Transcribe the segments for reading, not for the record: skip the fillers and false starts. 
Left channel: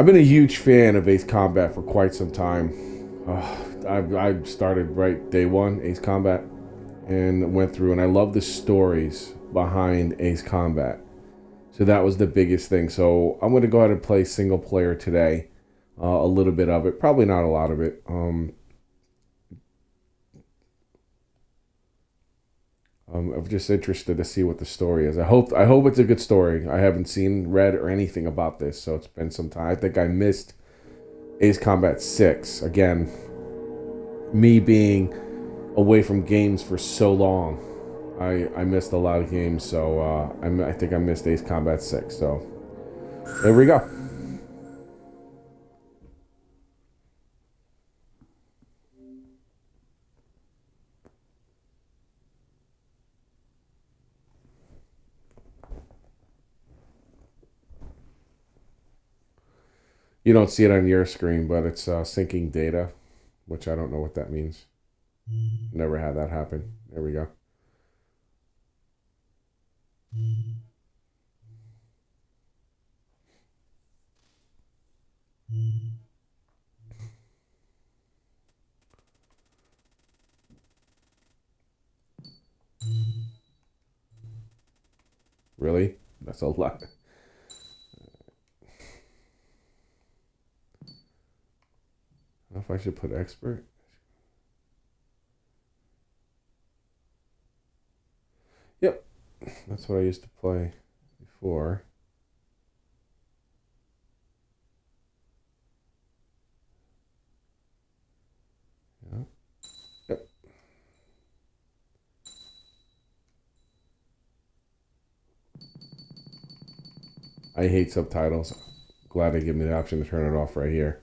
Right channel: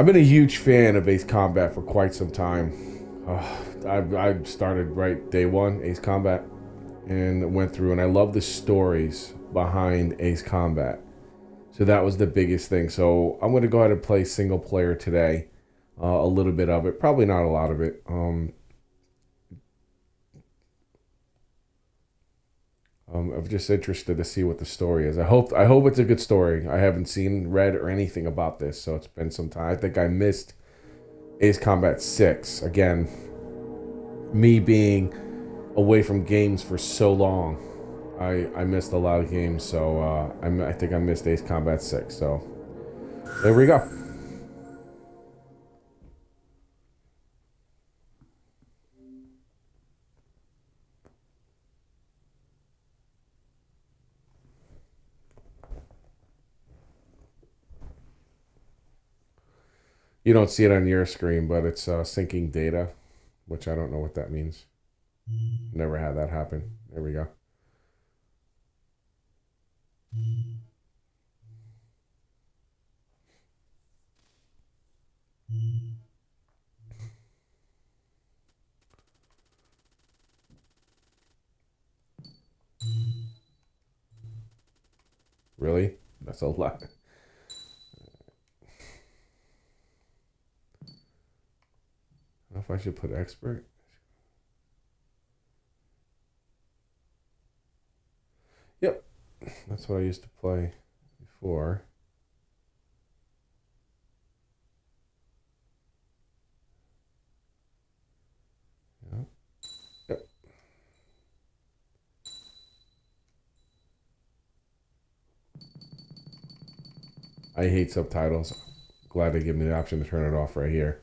I've been a huge fan of Ace Combat for quite some time. I started right day one, Ace Combat, and went through, and I love the stories behind Ace Combat. So that was the biggest thing. So I'm going to go ahead and play single player today. A little bit of it, probably not a lot of it. I'm just interested to see what the story is. I hope it's a good story. I haven't read or anything about this, so it's been some time. I think I missed Ace Combat 6. Again, me being away from games for so long, I missed a lot of games. So I think I missed Ace Combat 6. So there we go. You don't see it on your screen, but it's syncing data, which I don't know what that means. Never had that happen. There we go. Really? That's a lot. I don't know if I should put expert. Yep. That's what I used to play before. Yep. Yep. I hate subtitles. Glad they give me the option to turn it off right here.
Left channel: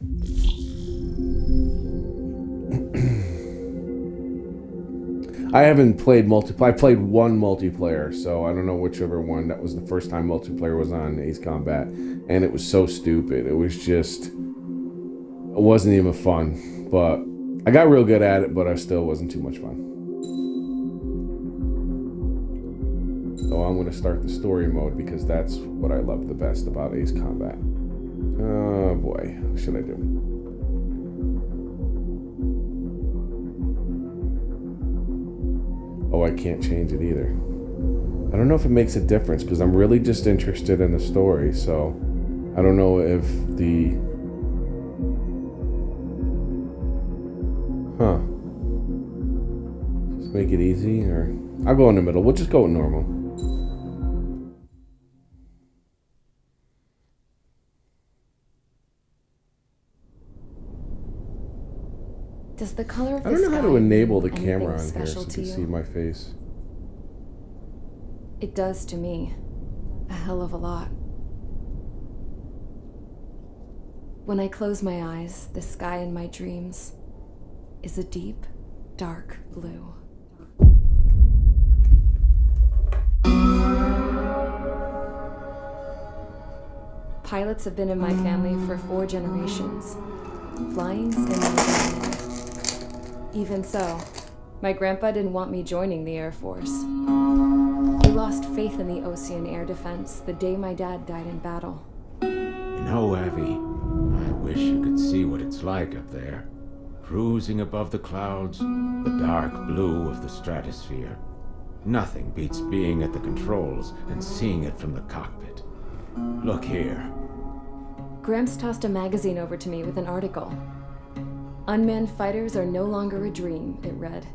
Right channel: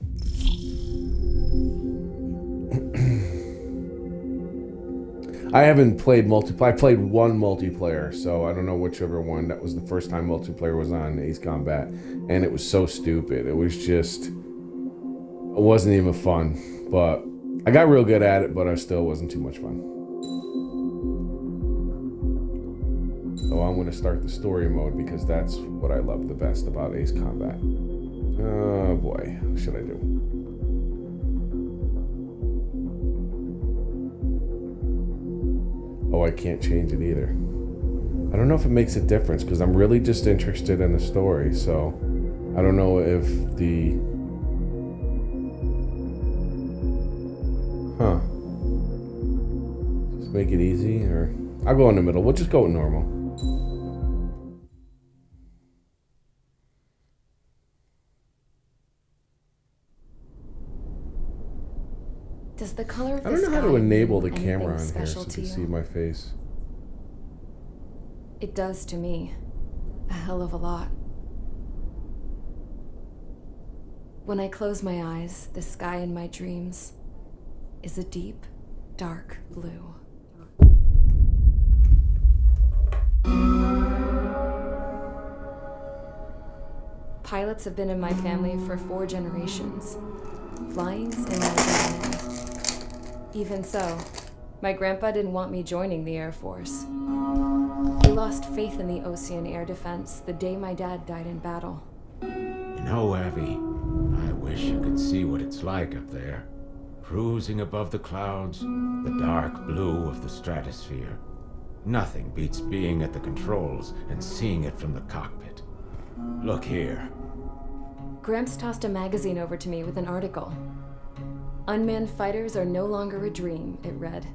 I haven't played multiplayer. I played one multiplayer, so I don't know whichever one. That was the first time multiplayer was on Ace Combat, and it was so stupid. It wasn't even fun. But I got real good at it, but I still wasn't too much fun. So I'm going to start the story mode because that's what I love the best about Ace Combat. Oh boy, what should I do? Oh, I can't change it either. I don't know if it makes a difference because I'm really just interested in the story. So I don't know if the... Huh. Just make it easy, or... I'll go in the middle. We'll just go with normal. Does the color of the I don't know how to sky enable the mean camera on anything here so special you to can you? see my face. It does to me. A hell of a lot. When I close my eyes, the sky in my dreams is a deep, dark blue. Pilots have been in my family for 4 generations. Flying's in my DNA. Even so, my grandpa didn't want me joining the Air Force. He lost faith in the Ocean Air Defense the day my dad died in battle. You know, Abby, I wish you could see what it's like up there. Cruising above the clouds, the dark blue of the stratosphere. Nothing beats being at the controls and seeing it from the cockpit. Look here. Gramps tossed a magazine over to me with an article. Unmanned fighters are no longer a dream, it read.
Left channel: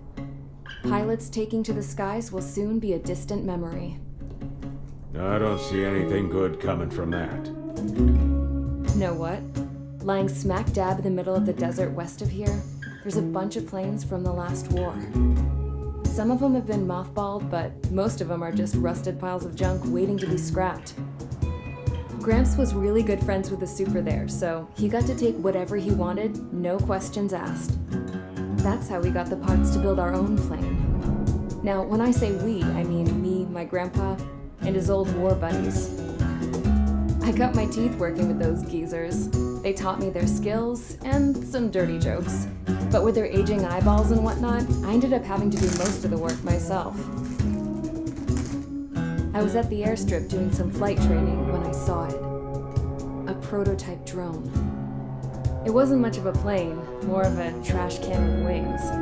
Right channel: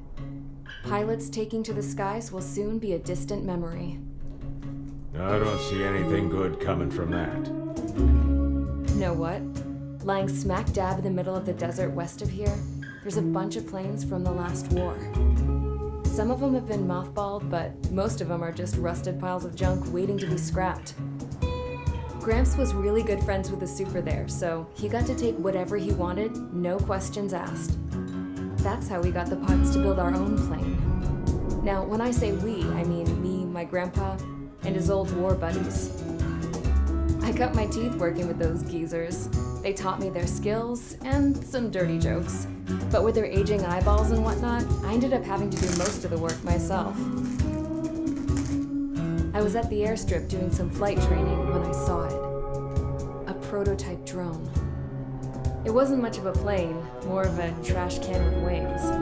Pilots taking to the skies will soon be a distant memory. I don't see anything good coming from that. Know what? Lying smack dab in the middle of the desert west of here, there's a bunch of planes from the last war. Some of them have been mothballed, but most of them are just rusted piles of junk waiting to be scrapped. Gramps was really good friends with the super there, so he got to take whatever he wanted, no questions asked. That's how we got the parts to build our own plane. Now, when I say we, I mean me, my grandpa, and his old war buddies. I cut my teeth working with those geezers. They taught me their skills and some dirty jokes. But with their aging eyeballs and whatnot, I ended up having to do most of the work myself. I was at the airstrip doing some flight training when I saw it. a prototype drone. It wasn't much of a plane, more of a trash can with wings.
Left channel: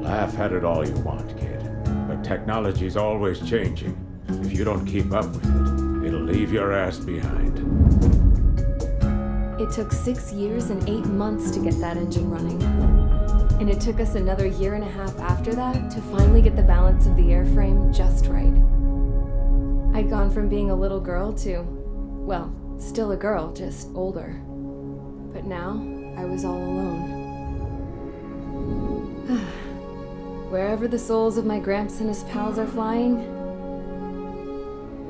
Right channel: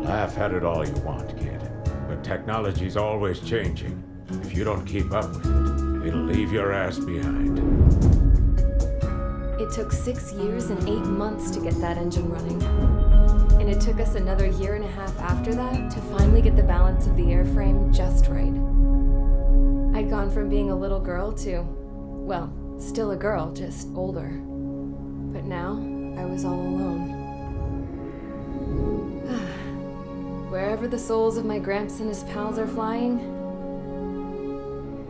Laugh at it all you want, kid. But technology's always changing. If you don't keep up with it, it'll leave your ass behind. It took 6 years and 8 months to get that engine running. And it took us another 1.5 years after that to finally get the balance of the airframe just right. I'd gone from being a little girl to, well, still a girl, just older. But now, I was all alone. Wherever the souls of my Gramps and his pals are flying,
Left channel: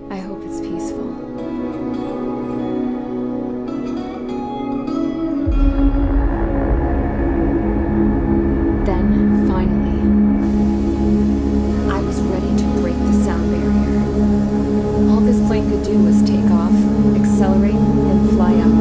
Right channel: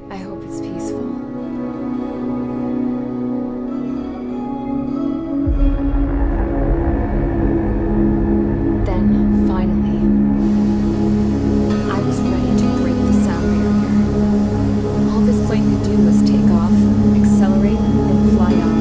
I hope it's peaceful. Then, finally, I was ready to break the sound barrier. All this plane could do was take off, accelerate, and fly up.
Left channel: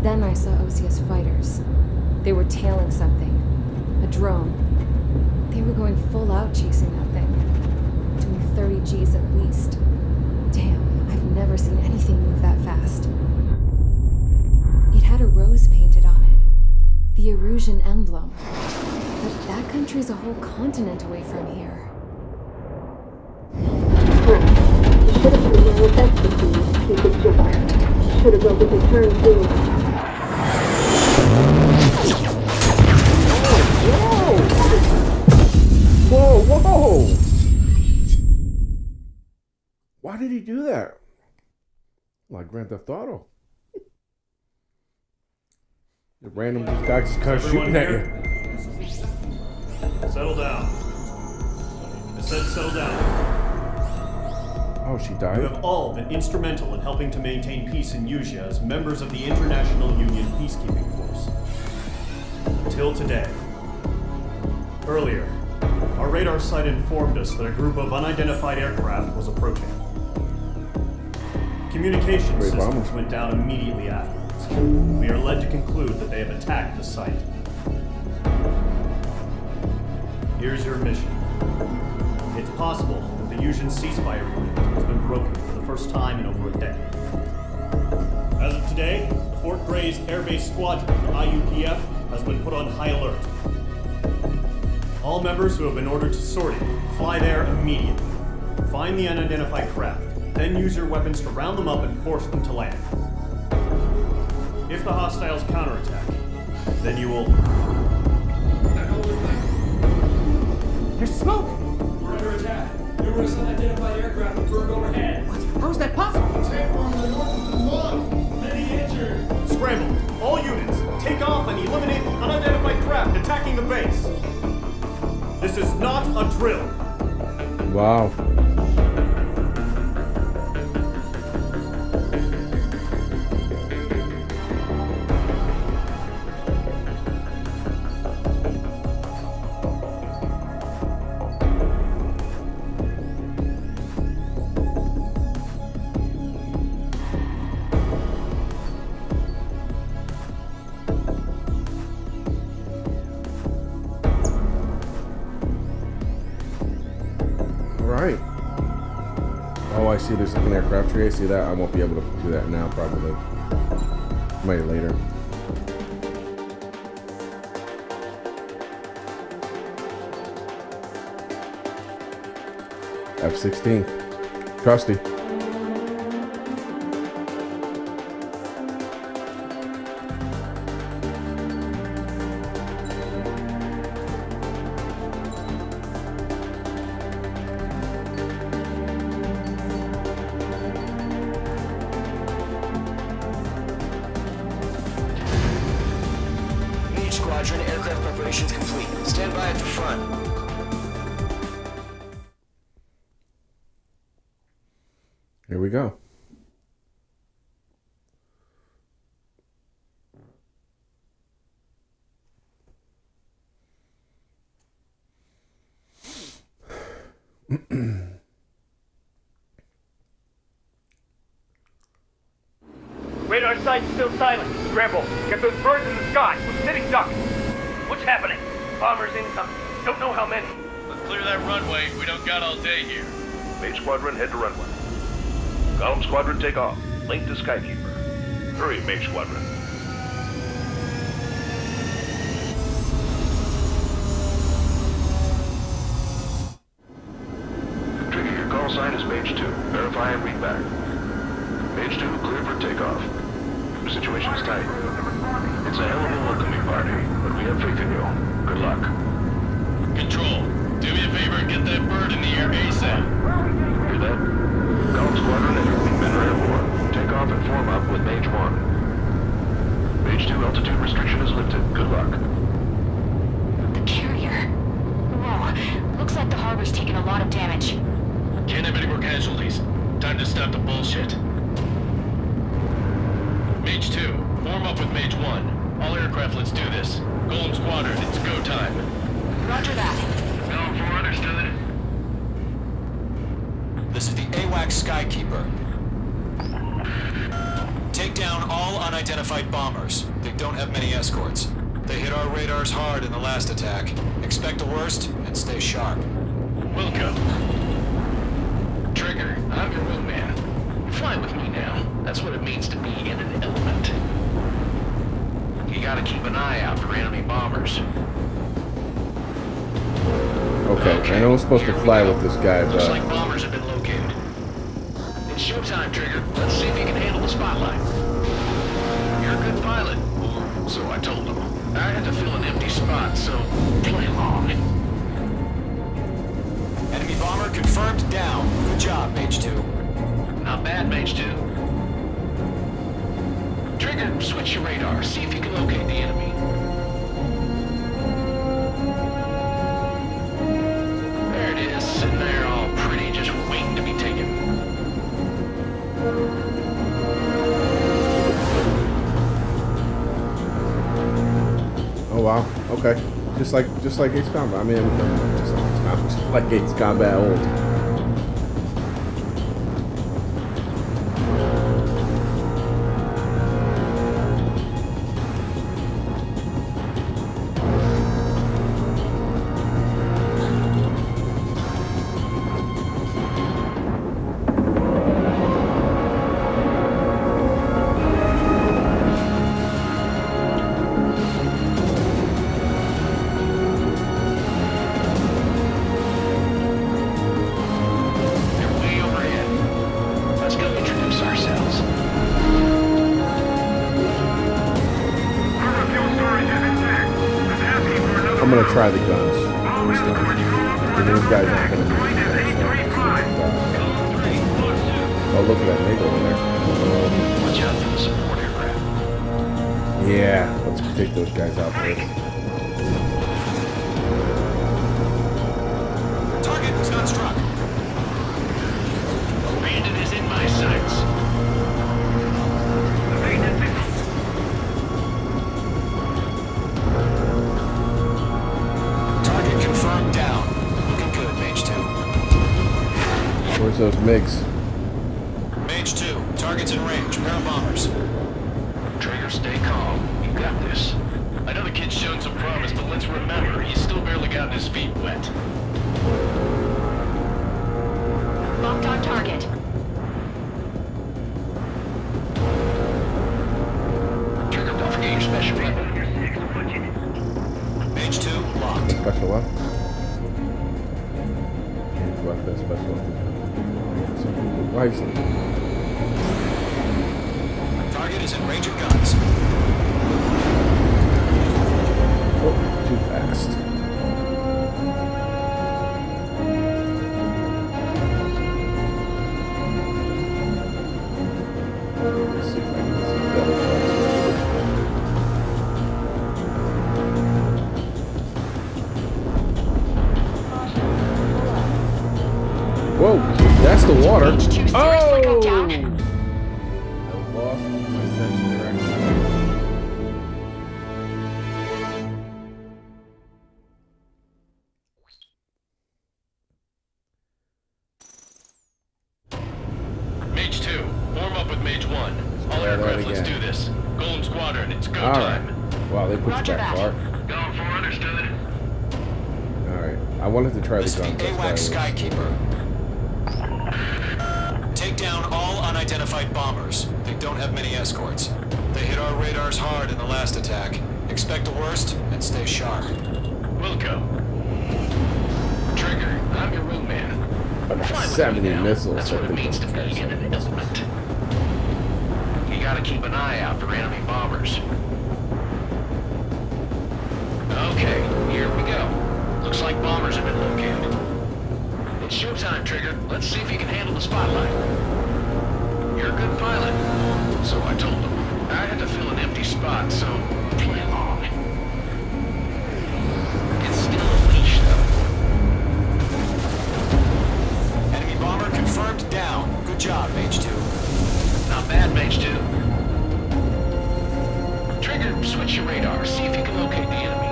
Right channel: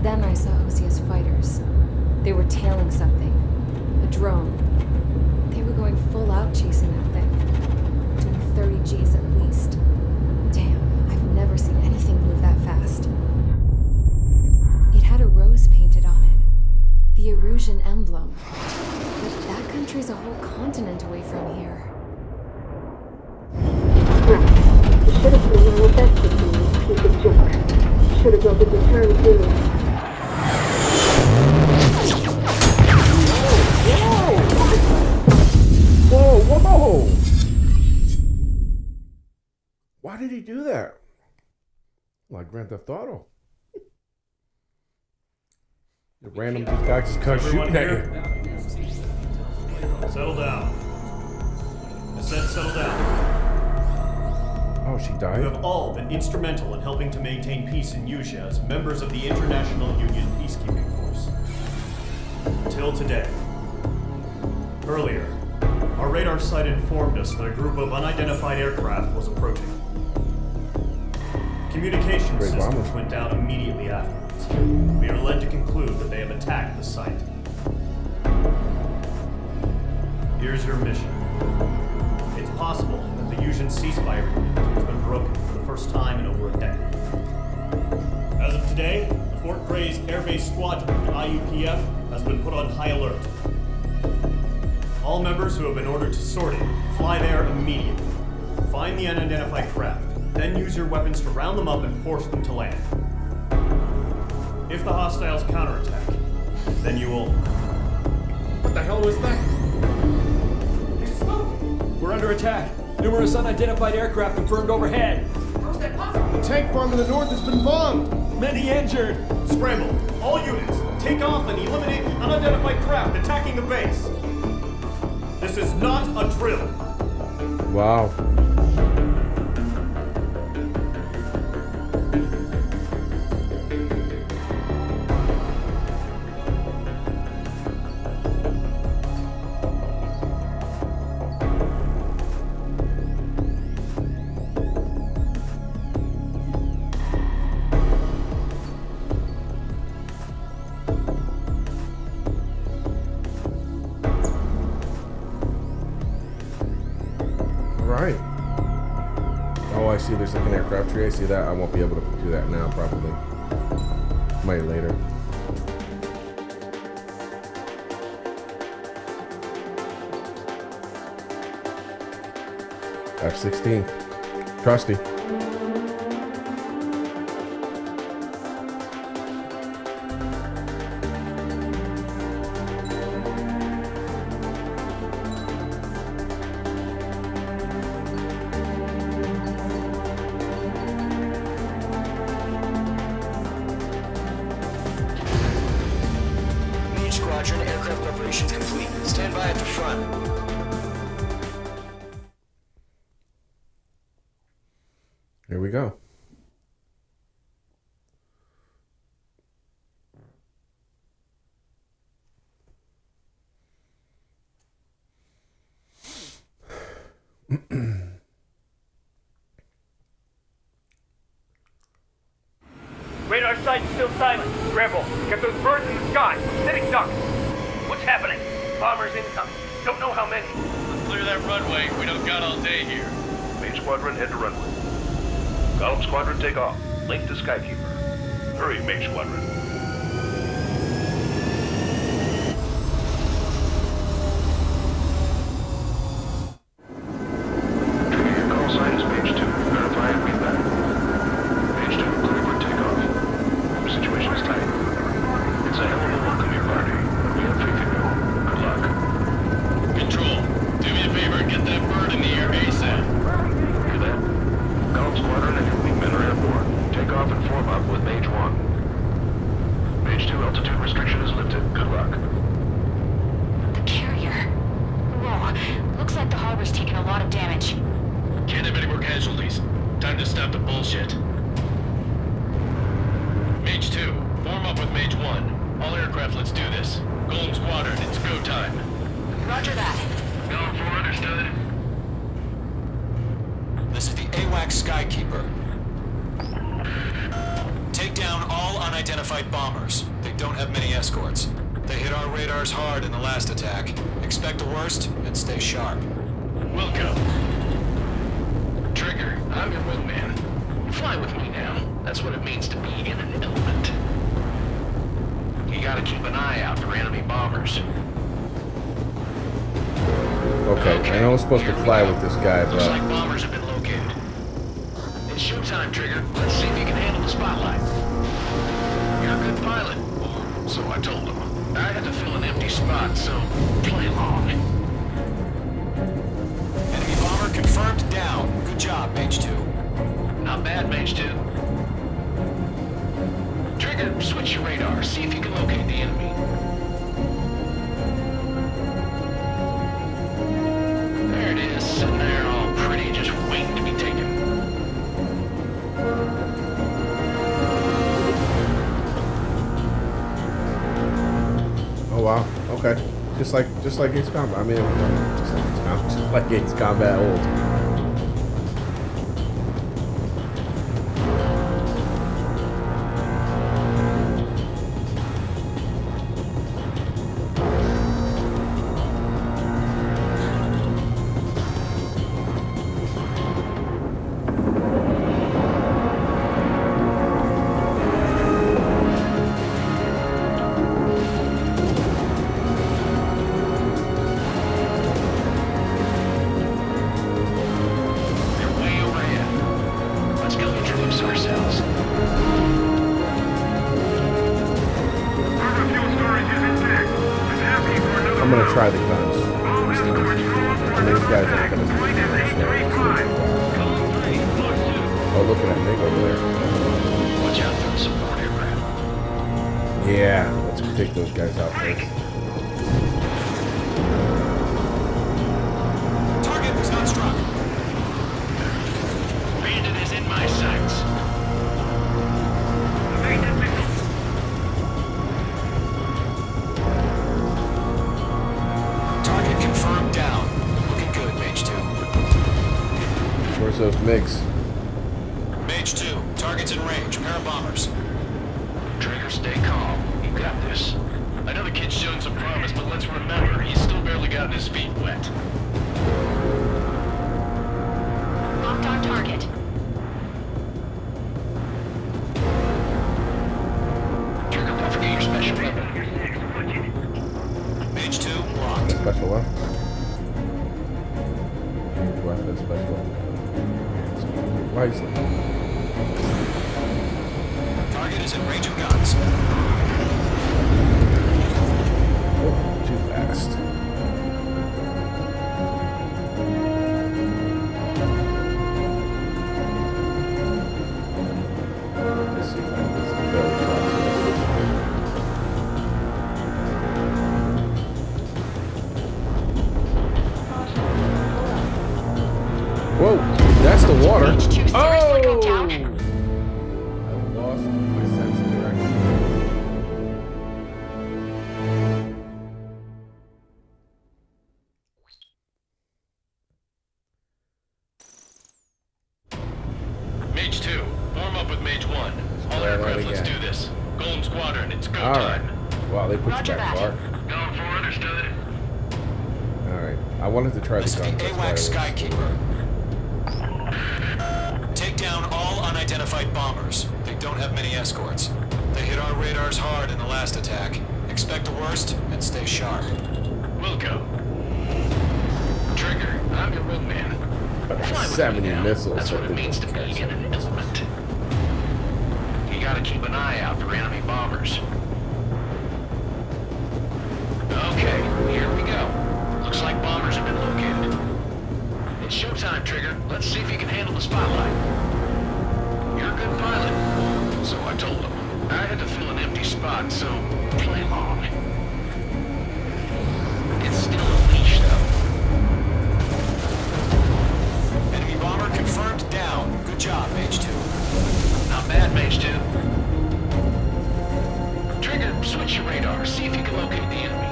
Then I saw Osius fighters. They were tailing something. A drone. They were going full out chasing that thing. Doing 30 Gs at least. Damn, I've never seen anything move that fast. It had a rose painted on it. The Erusian emblem. But that country's a whole continent away from here. Crap. You should have put a manifesto in this piece of junk. Should have built a return too. Whoa, whoa! Why did he do that? Like Grand Theft Auto. The random guy just comes shooting at you. Settle down. I said settle down. Oh, she died? You have all been instrumental in helping to maintain peace in Usea as members of the International Union Peacekeeping Force. Until today. Earlier, our radar site informed us that a group of unidentified aircraft was approaching. Communication Great systems bombers. went down immediately afterwards. We are led to conclude that they have attacked the site. Here's your mission. It's possible that the Usian ceasefire agreement has been broken for the first time in over a decade. As of today, the Fort Grays Air Base Squadron of the IUPF has been put on high alert. All members who have been ordered to sortie, fly there immediately. Find the unidentified craft, then use your weapons to round them up and force them to land. If the hostiles counterattack, then you will... What the hell was that? There's smoke! We're under attack. Numerous unidentified aircraft confirmed overhead. What? How is that possible? The tank farm to the north has been bombed. Many injured. Scramble! All units, take off and eliminate the unidentified craft attacking the base. This is not a drill. Wow. Right. Oh, I see there's like an aircraft tree. I see that. I won't be able to do that now, probably. Maybe later. F-16. Trusty. Squadron, aircraft preparations complete. Stand by at the front. Here we go. Radar site's still silent. Scramble. Get those birds in the sky. We're sitting ducks. What's happening? Bombers incoming. Don't know how many. Let's clear that runway. We don't got all day here. Mage Squadron, head to runway. Golem Squadron, take off. Link to Skykeeper. Hurry, Mage Squadron. Trigger, your call sign is Mage 2. Verify and read back. Mage 2, clear for takeoff. The situation's tight. It's a hell of a welcoming party, but we have faith in you. Good luck. Control, do me a favor and get that bird in the air ASAP. Hear that? Golem Squadron and your wingmen are airborne. Take off and form up with Mage 1. Mage 2, altitude restriction is lifted. Good luck. The carrier. Whoa, looks like the harbor's taken a lot of damage. Can't have any more casualties. Time to stop the bullshit. Mage 2, form up with Mage 1. All aircraft, let's do this. Golem Squadron, it's go time. Roger that. Going for understood. This is the AWACS Skykeeper. Take down all unidentified bombers. They don't have many escorts. They hit our radars hard in the last attack. Expect the worst and stay sharp. Wilco. Trigger, I'm your wingman. Fly with me now. That's what it means to be in an element. You gotta keep an eye out for enemy bombers. Okay, I know I'm supposed to fly with this guy, Looks but... like bombers have been located. It's showtime, Trigger. Let's see if you can handle the spotlight. You're a good pilot, or so I told him. I had to fill an empty spot, so play along. Enemy bomber confirmed down. Good job, Mage 2. Not bad, Mage 2. Trigger, switch your radar. See if you can locate the enemy. There it is, sitting there all pretty, just waiting to be taken. Oh wow. Okay. Just like Ace Combat. I mean, just like Ace Combat. Just like Ace Combat old. Ourselves. I'm gonna try the guns this time. And these guys aren't gonna move from there, so it's a shot. Oh, look at that MiG over there. Watch out for the support aircraft. Yeah, let's take those guys out first. Target was not struck. Bandit is in my sights. Target confirmed down. Looking good, Mage 2. Where's those MiGs? Mage 2, target's in range. Pair of bombers. Trigger, stay calm. You got this. I know the kid's shown some promise, but let's remember, he's still barely gotten his feet wet. Locked on target. Trigger, don't forget your special weapon. Mage 2, locked. Special weapon? Change weapon, special weapons. Wisely. Target is in range of guns. Oh, too fast. Let's see if I can get some belly shots here. Whoa, that's the water. seriously go down? I lost my sense of direction. Mage 2, form up with Mage 1. All try that aircraft, let's again. do this. Golem Squadron, it's go All time. right. Wow, they put Roger you back that. far. Going for understood. All right. I wanted to try This the is guns. the That's why I AWACS was- Skykeeper. Take down all unidentified bombers. They don't have many escorts. They hit our radars hard in the last attack. Expect the worst and stay sharp. Wilco. Trigger, I'm your wingman. Fly with 70 me now. missiles. That's that what it they means to just be carry in an 70 missiles. element. You gotta keep an eye out for enemy bombers. Okay, here we go. Looks like bombers have been located. It's showtime, Trigger. Let's see if you can handle the spotlight. You're a good pilot. Or so I told them. I had to fill an empty spot, so play along. It's still a leash, though. Enemy bomber confirmed down. Good job, Mage 2. Not bad, Mage 2. Trigger, switch your radar. See if you can locate the enemy.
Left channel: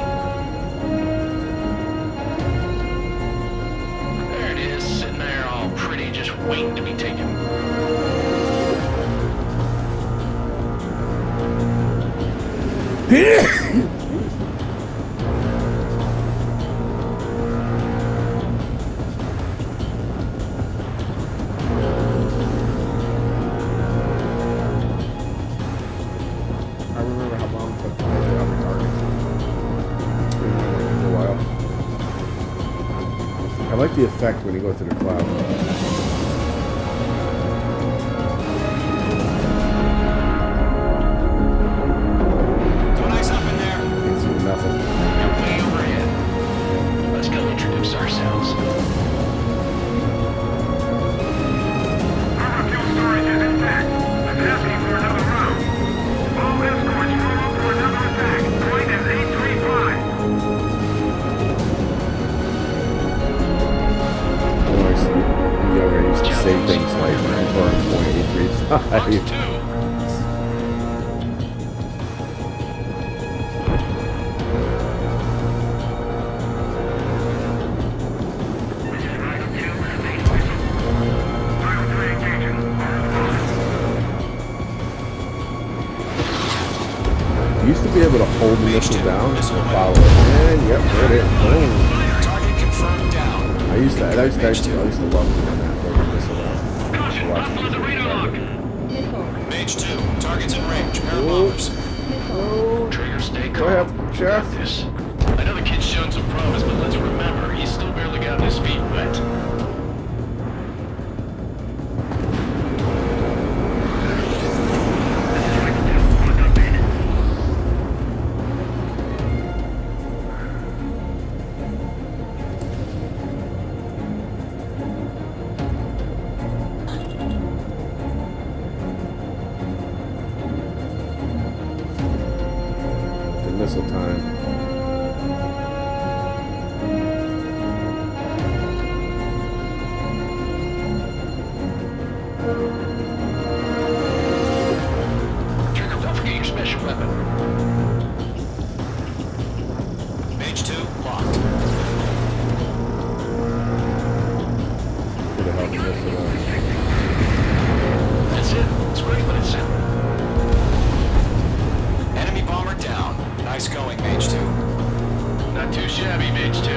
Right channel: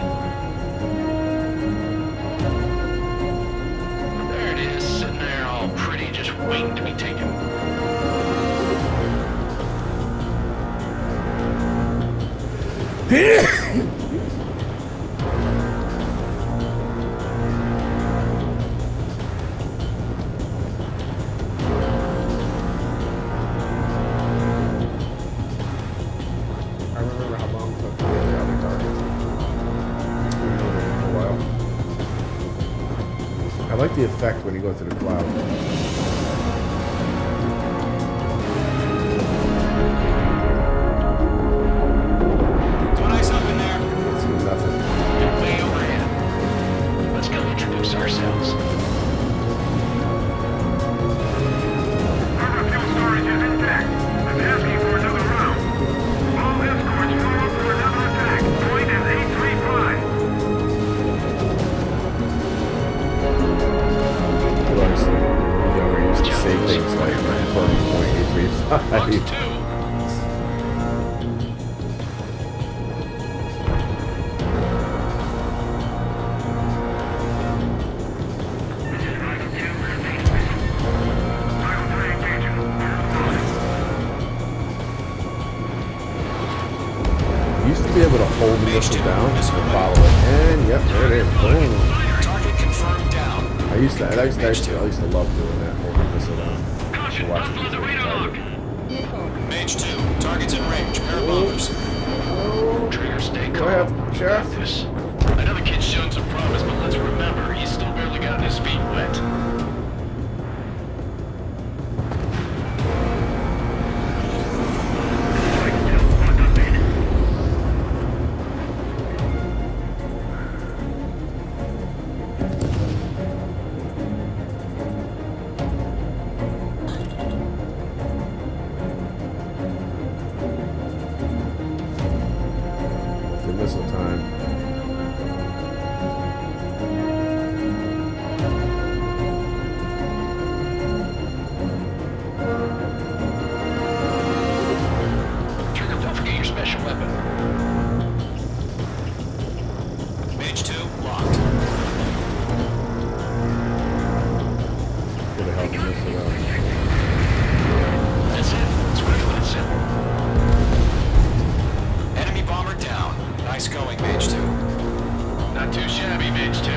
There it is, sitting there all pretty, just waiting to be taken. I remember how long it took to get to other targets. I remember it took a while. I like the effect when you go through the cloud. Don't ice up in there. Can't see nothing. They're way overhead. Let's go introduce ourselves. Our fuel storage is intact. It's asking for another round. All escorts roll up for another attack. Point is 835. You know, I used to be younger. I used to say things like confirm .835. Box 2. This is Rifle 2, main whistle. Rifle 3 engaging. You used to be able to hold the missile down and follow it. And yep, there it is. Boom. Target confirmed down. I used to love doing that, holding the missile down. To watch it the target. Mage 2, targets in range. Pair of bombers. Trigger, stay Go calm. ahead, Jeff. Got this. I know the kid's shown some promise, but let's remember, he's still barely gotten his feet wet. Multi-missile time. Trigger, don't forget your special weapon. Mage 2, locked. Could have helped missile out. That's it. It's great when it's simple. Enemy bomber down. Nice going, Mage 2. Not too shabby, Mage 2.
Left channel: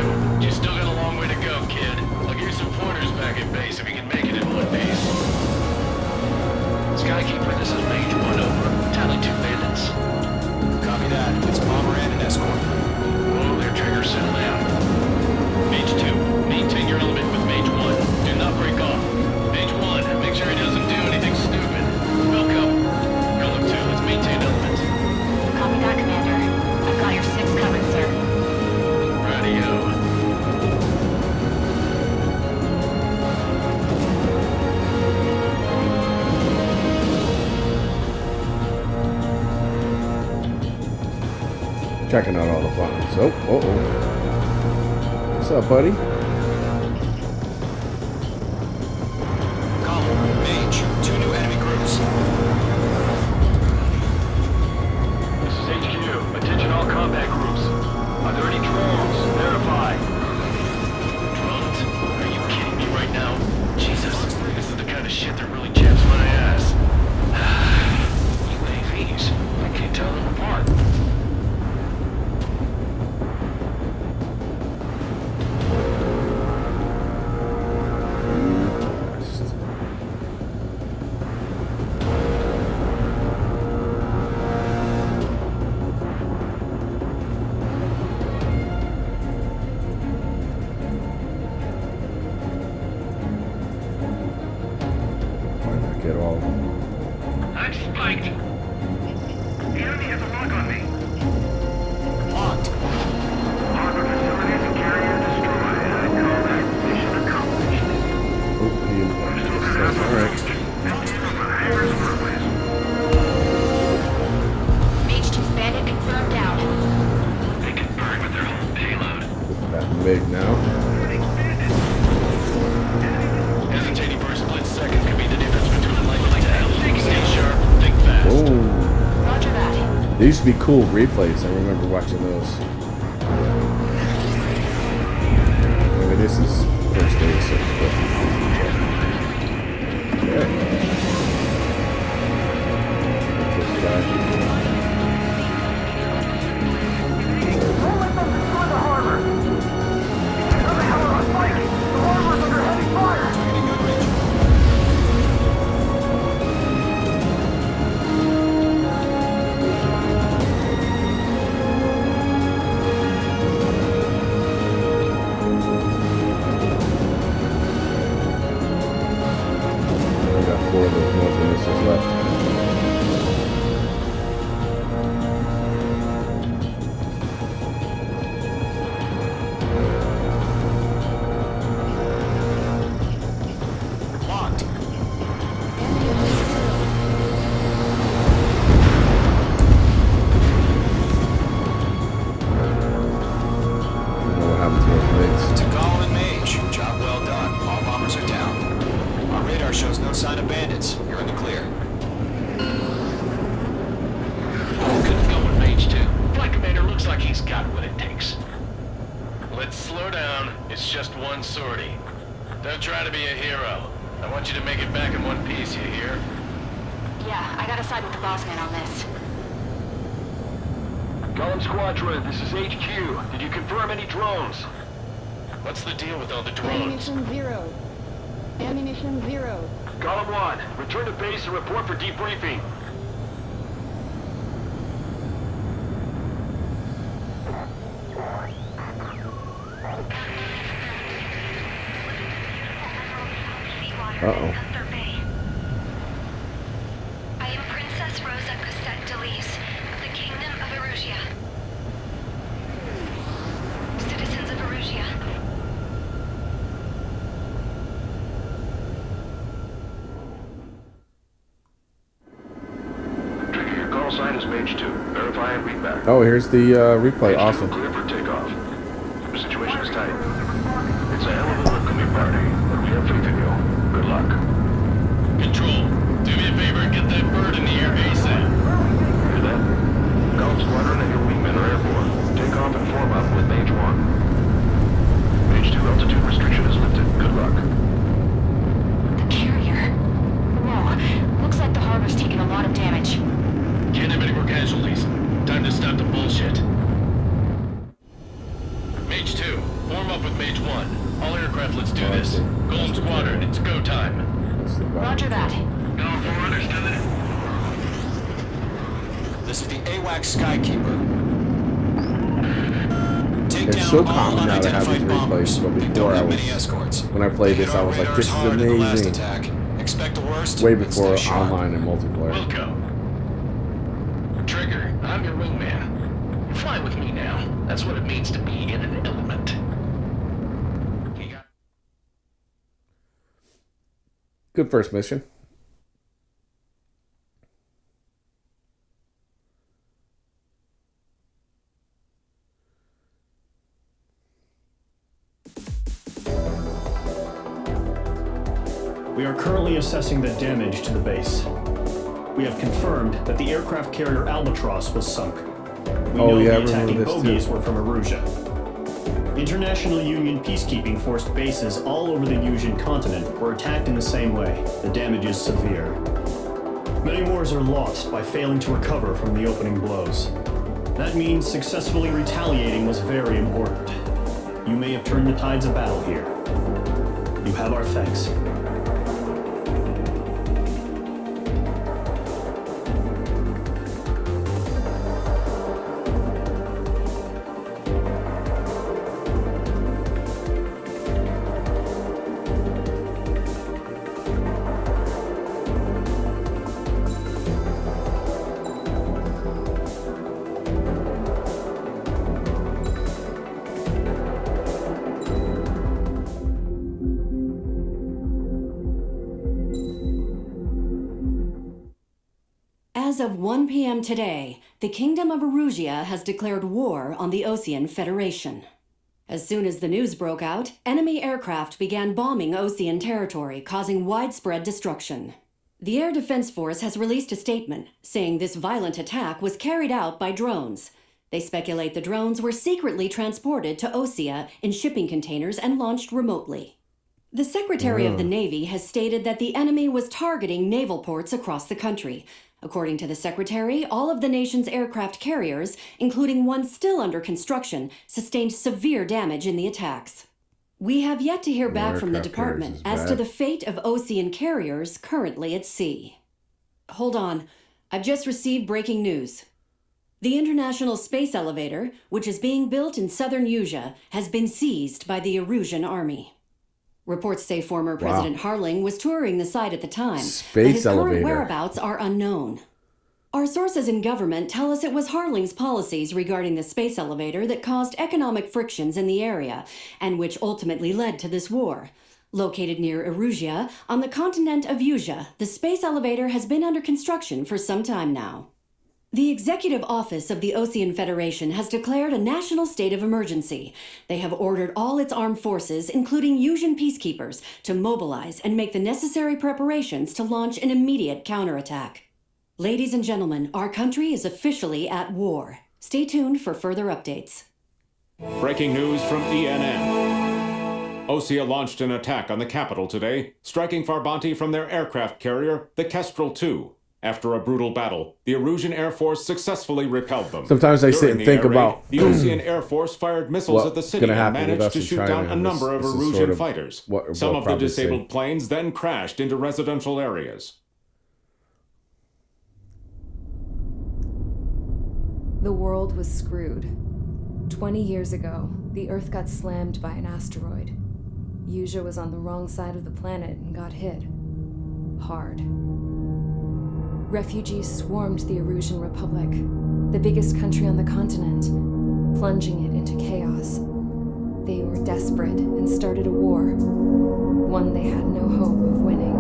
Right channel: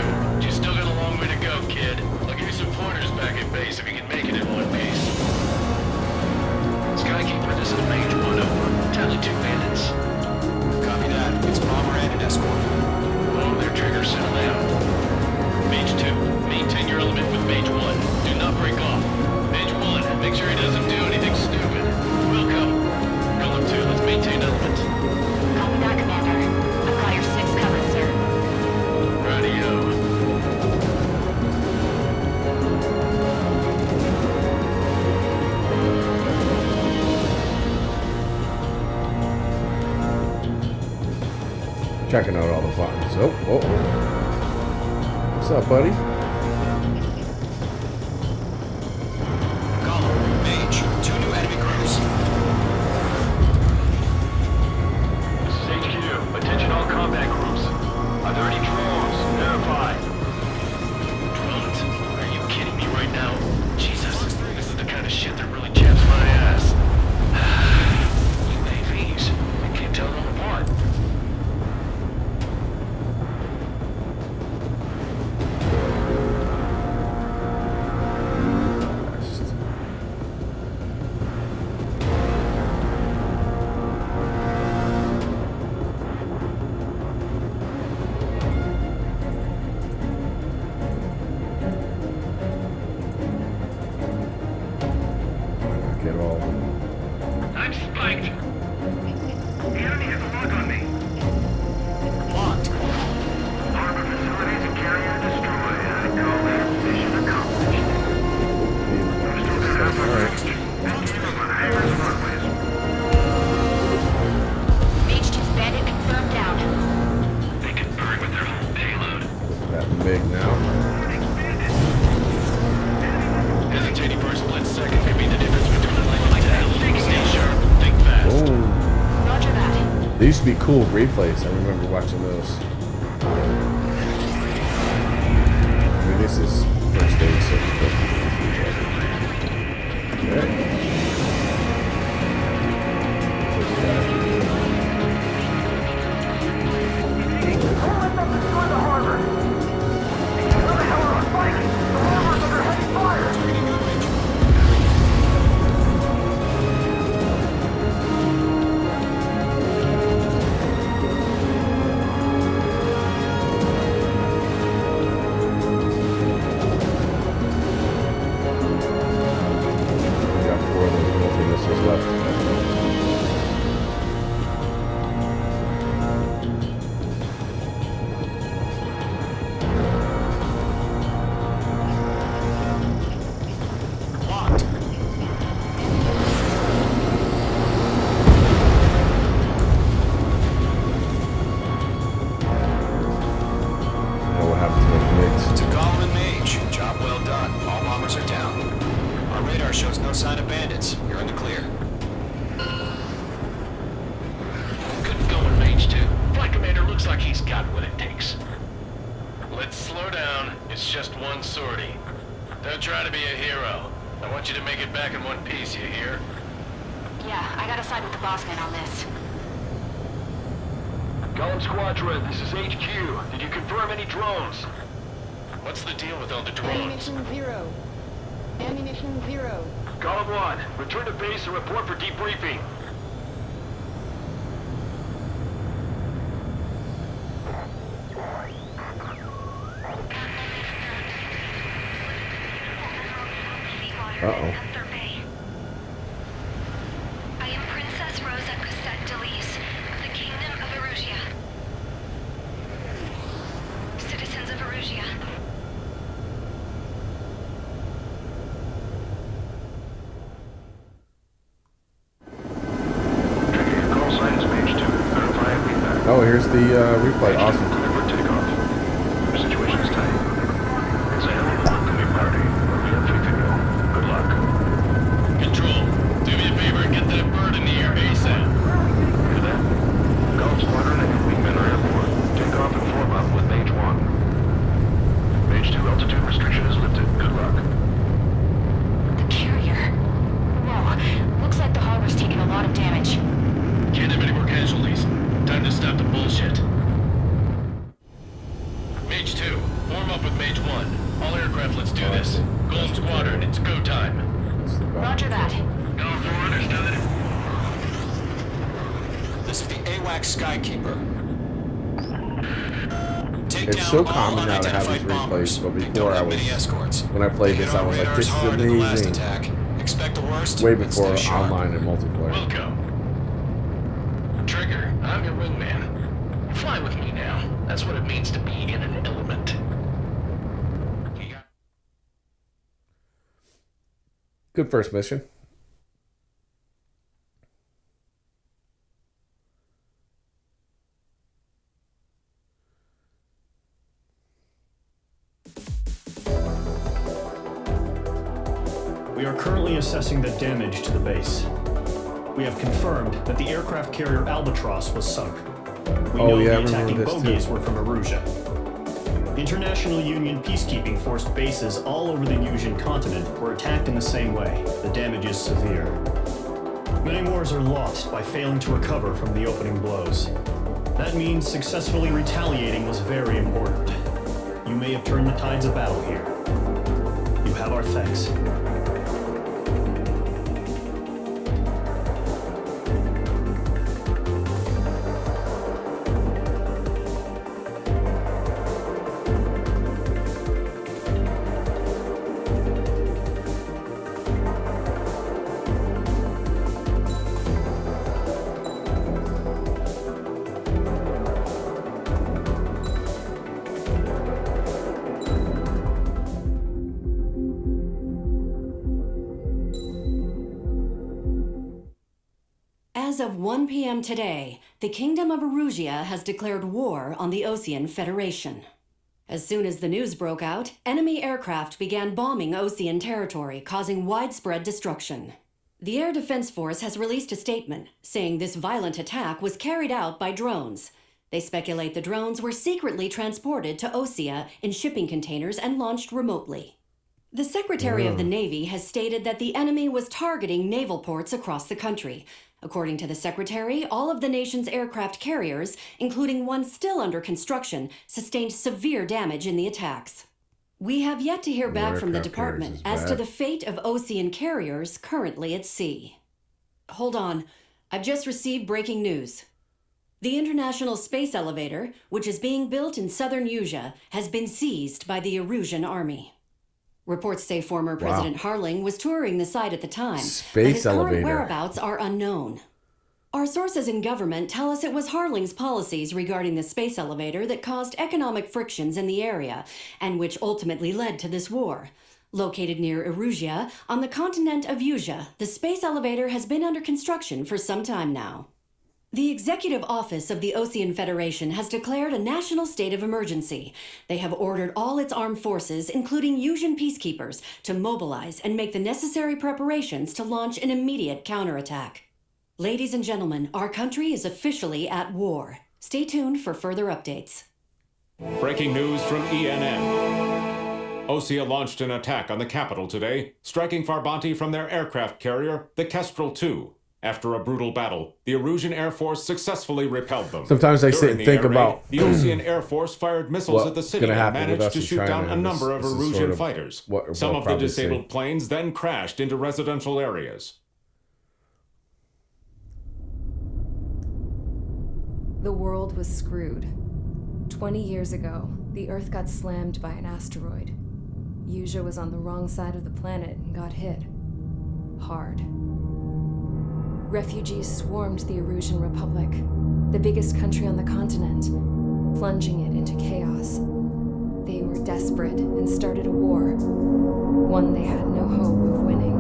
You still got a long way to go, kid. I'll give you some pointers back at base if you can make it in one piece. Skykeeper, this is Mage 1, over. Tally 2 bandits. Copy that. It's a bomber and an escort. Whoa there, Trigger. Settle down. Mage 2, maintain your element with Mage 1. Do not break off. Mage 1, make sure he doesn't do anything stupid. Welcome. Golem 2, let's maintain element. Copy that, Commander. I've got your 6 covered, sir. Radio. Checking out all the buttons. Oh, What's up, buddy? combat groups. Are there any drones? Verify. Drones? Are you kidding me right now? Jesus, this is the kind of shit that really chaps my ass. UAVs. I can't tell them apart. Too fast. Why not get all of them? I'm spiked. The enemy has a lock on me. Locked. Harbor facilities and carrier destroyed. I call that mission accomplished. Oh, he left this time. Alright. Mage 2's bandit confirmed down. They can burn with their whole payload. With that MiG now. Hesitating for a split second could be the difference between life and death. Stay sharp, think fast. Boom. Roger that. They used to be cool replays. I remember watching those. I mean, this is first day, so it's supposed to be easy. Okay. Get this guy. Where is Don't let them destroy the harbor. How the hell are us fighting? The harbor is under heavy fire. We got 4 of those multi-missiles left. Locked. I don't know what happened to those MiGs. To Gollum and Mage, job well done. All bombers are down. Our radar shows no sign of bandits. You're in the clear. Good going, Mage 2. Flight Commander looks like he's got what it takes. Let's slow down. It's just one sortie. Don't try to be a hero. I want you to make it back in one piece, you hear? Yeah, I gotta side with the boss man on this. Gollum Squadron, this is HQ. Did you confirm any drones? What's the deal with all the drones? Ammunition 0. Ammunition 0. Gollum 1, return to base and report for debriefing. Uh-oh. I am Princess Rosa Cosette Delise of the Kingdom of Erusia. Citizens of Erusia. Trigger, your call sign is Mage 2. Verify and read back. Oh, here's the replay. Awesome. Clear for takeoff. The situation is tight. It's a hell of a welcoming party, but we have faith in you. Good luck. Control, do me a favor and get that bird in the air ASAP. Hear that? Gollum Squadron and your wingmen are airborne. Take off and form up with Mage 1. Mage 2 altitude restriction is lifted. Good luck. The carrier. Whoa, looks like the harbor's taking a lot of damage. Can't have any more casualties. Time to stop the bullshit. Mage 2, form up with Mage 1. All aircraft, let's do this. Golden Squadron, it's go time. Roger that. Going for understood. This is the AWACS Skykeeper. Take It's down so all common now to have these unidentified bombers. replays, but They don't before I have was, many escorts. when I played They this, hit I our was like, radars this is hard in the last amazing. attack. Expect the worst. Way and before stay sharp. online and multiplayer. Wilco. Trigger, I'm your wingman. Fly with me now. That's what it means to be in an element. Good first mission. We are currently assessing the damage to the base. We have confirmed that the aircraft carrier Albatross was sunk. We know the attacking bogies were from Erusia. International Union peacekeeping force bases all over the Yusian continent were attacked in the same way. The damage is severe. Many wars are lost by failing to recover from the opening blows. That means successfully retaliating was very important. You may have turned the tides of battle here. You have our thanks. As of 1 p.m. today, the Kingdom of Erusia has declared war on the Osean Federation. As soon as the news broke out, enemy aircraft began bombing Osean territory, causing widespread destruction. The Air Defense Force has released a statement saying this violent attack was carried out by drones. They speculate the drones were secretly transported to Osea in shipping containers and launched remotely. The Secretary of the Navy has stated that the enemy was targeting naval ports across the country. According to the Secretary, all of the nation's aircraft carriers, including one still under construction, sustained severe damage in the attacks. We have yet to hear back from the department as to the fate of Osean carriers currently at sea. Hold on, I've just received breaking news. The International Space Elevator, which is being built in southern Yusia, has been seized by the Erusian army. Reports say former President Harling was touring the site at the time, but his current whereabouts are unknown. Our sources in government tell us it was Harling's policies regarding the space elevator that caused economic frictions in the area, and which ultimately led to this war. Located near Erusia, on the continent of Yusia, the space elevator has been under construction for some time now. The Executive Office of the Osean Federation has declared a national state of emergency. They have ordered all its armed forces, including Yusian peacekeepers, to mobilize and make the necessary preparations to launch an immediate counterattack. Ladies and gentlemen, our country is officially at war. Stay tuned for further updates. Breaking news from ENN. Osea launched an attack on the capital today, striking Farbanti from their aircraft carrier, the Kestrel II. After a brutal battle, the Erusian Air Force successfully repelled them. Sometimes I sit and think about the Osean Air Force fired missiles at the city and managed to shoot down a number of Erusian fighters. Some of the disabled planes then crashed into residential areas. The world was screwed. 20 years ago, the Earth got slammed by an asteroid. Yusia was on the wrong side of the planet and got hit. Hard. Refugees swarmed the Erusian Republic, the biggest country on the continent, plunging it into chaos. They were desperate and started a war, one they had no hope of winning.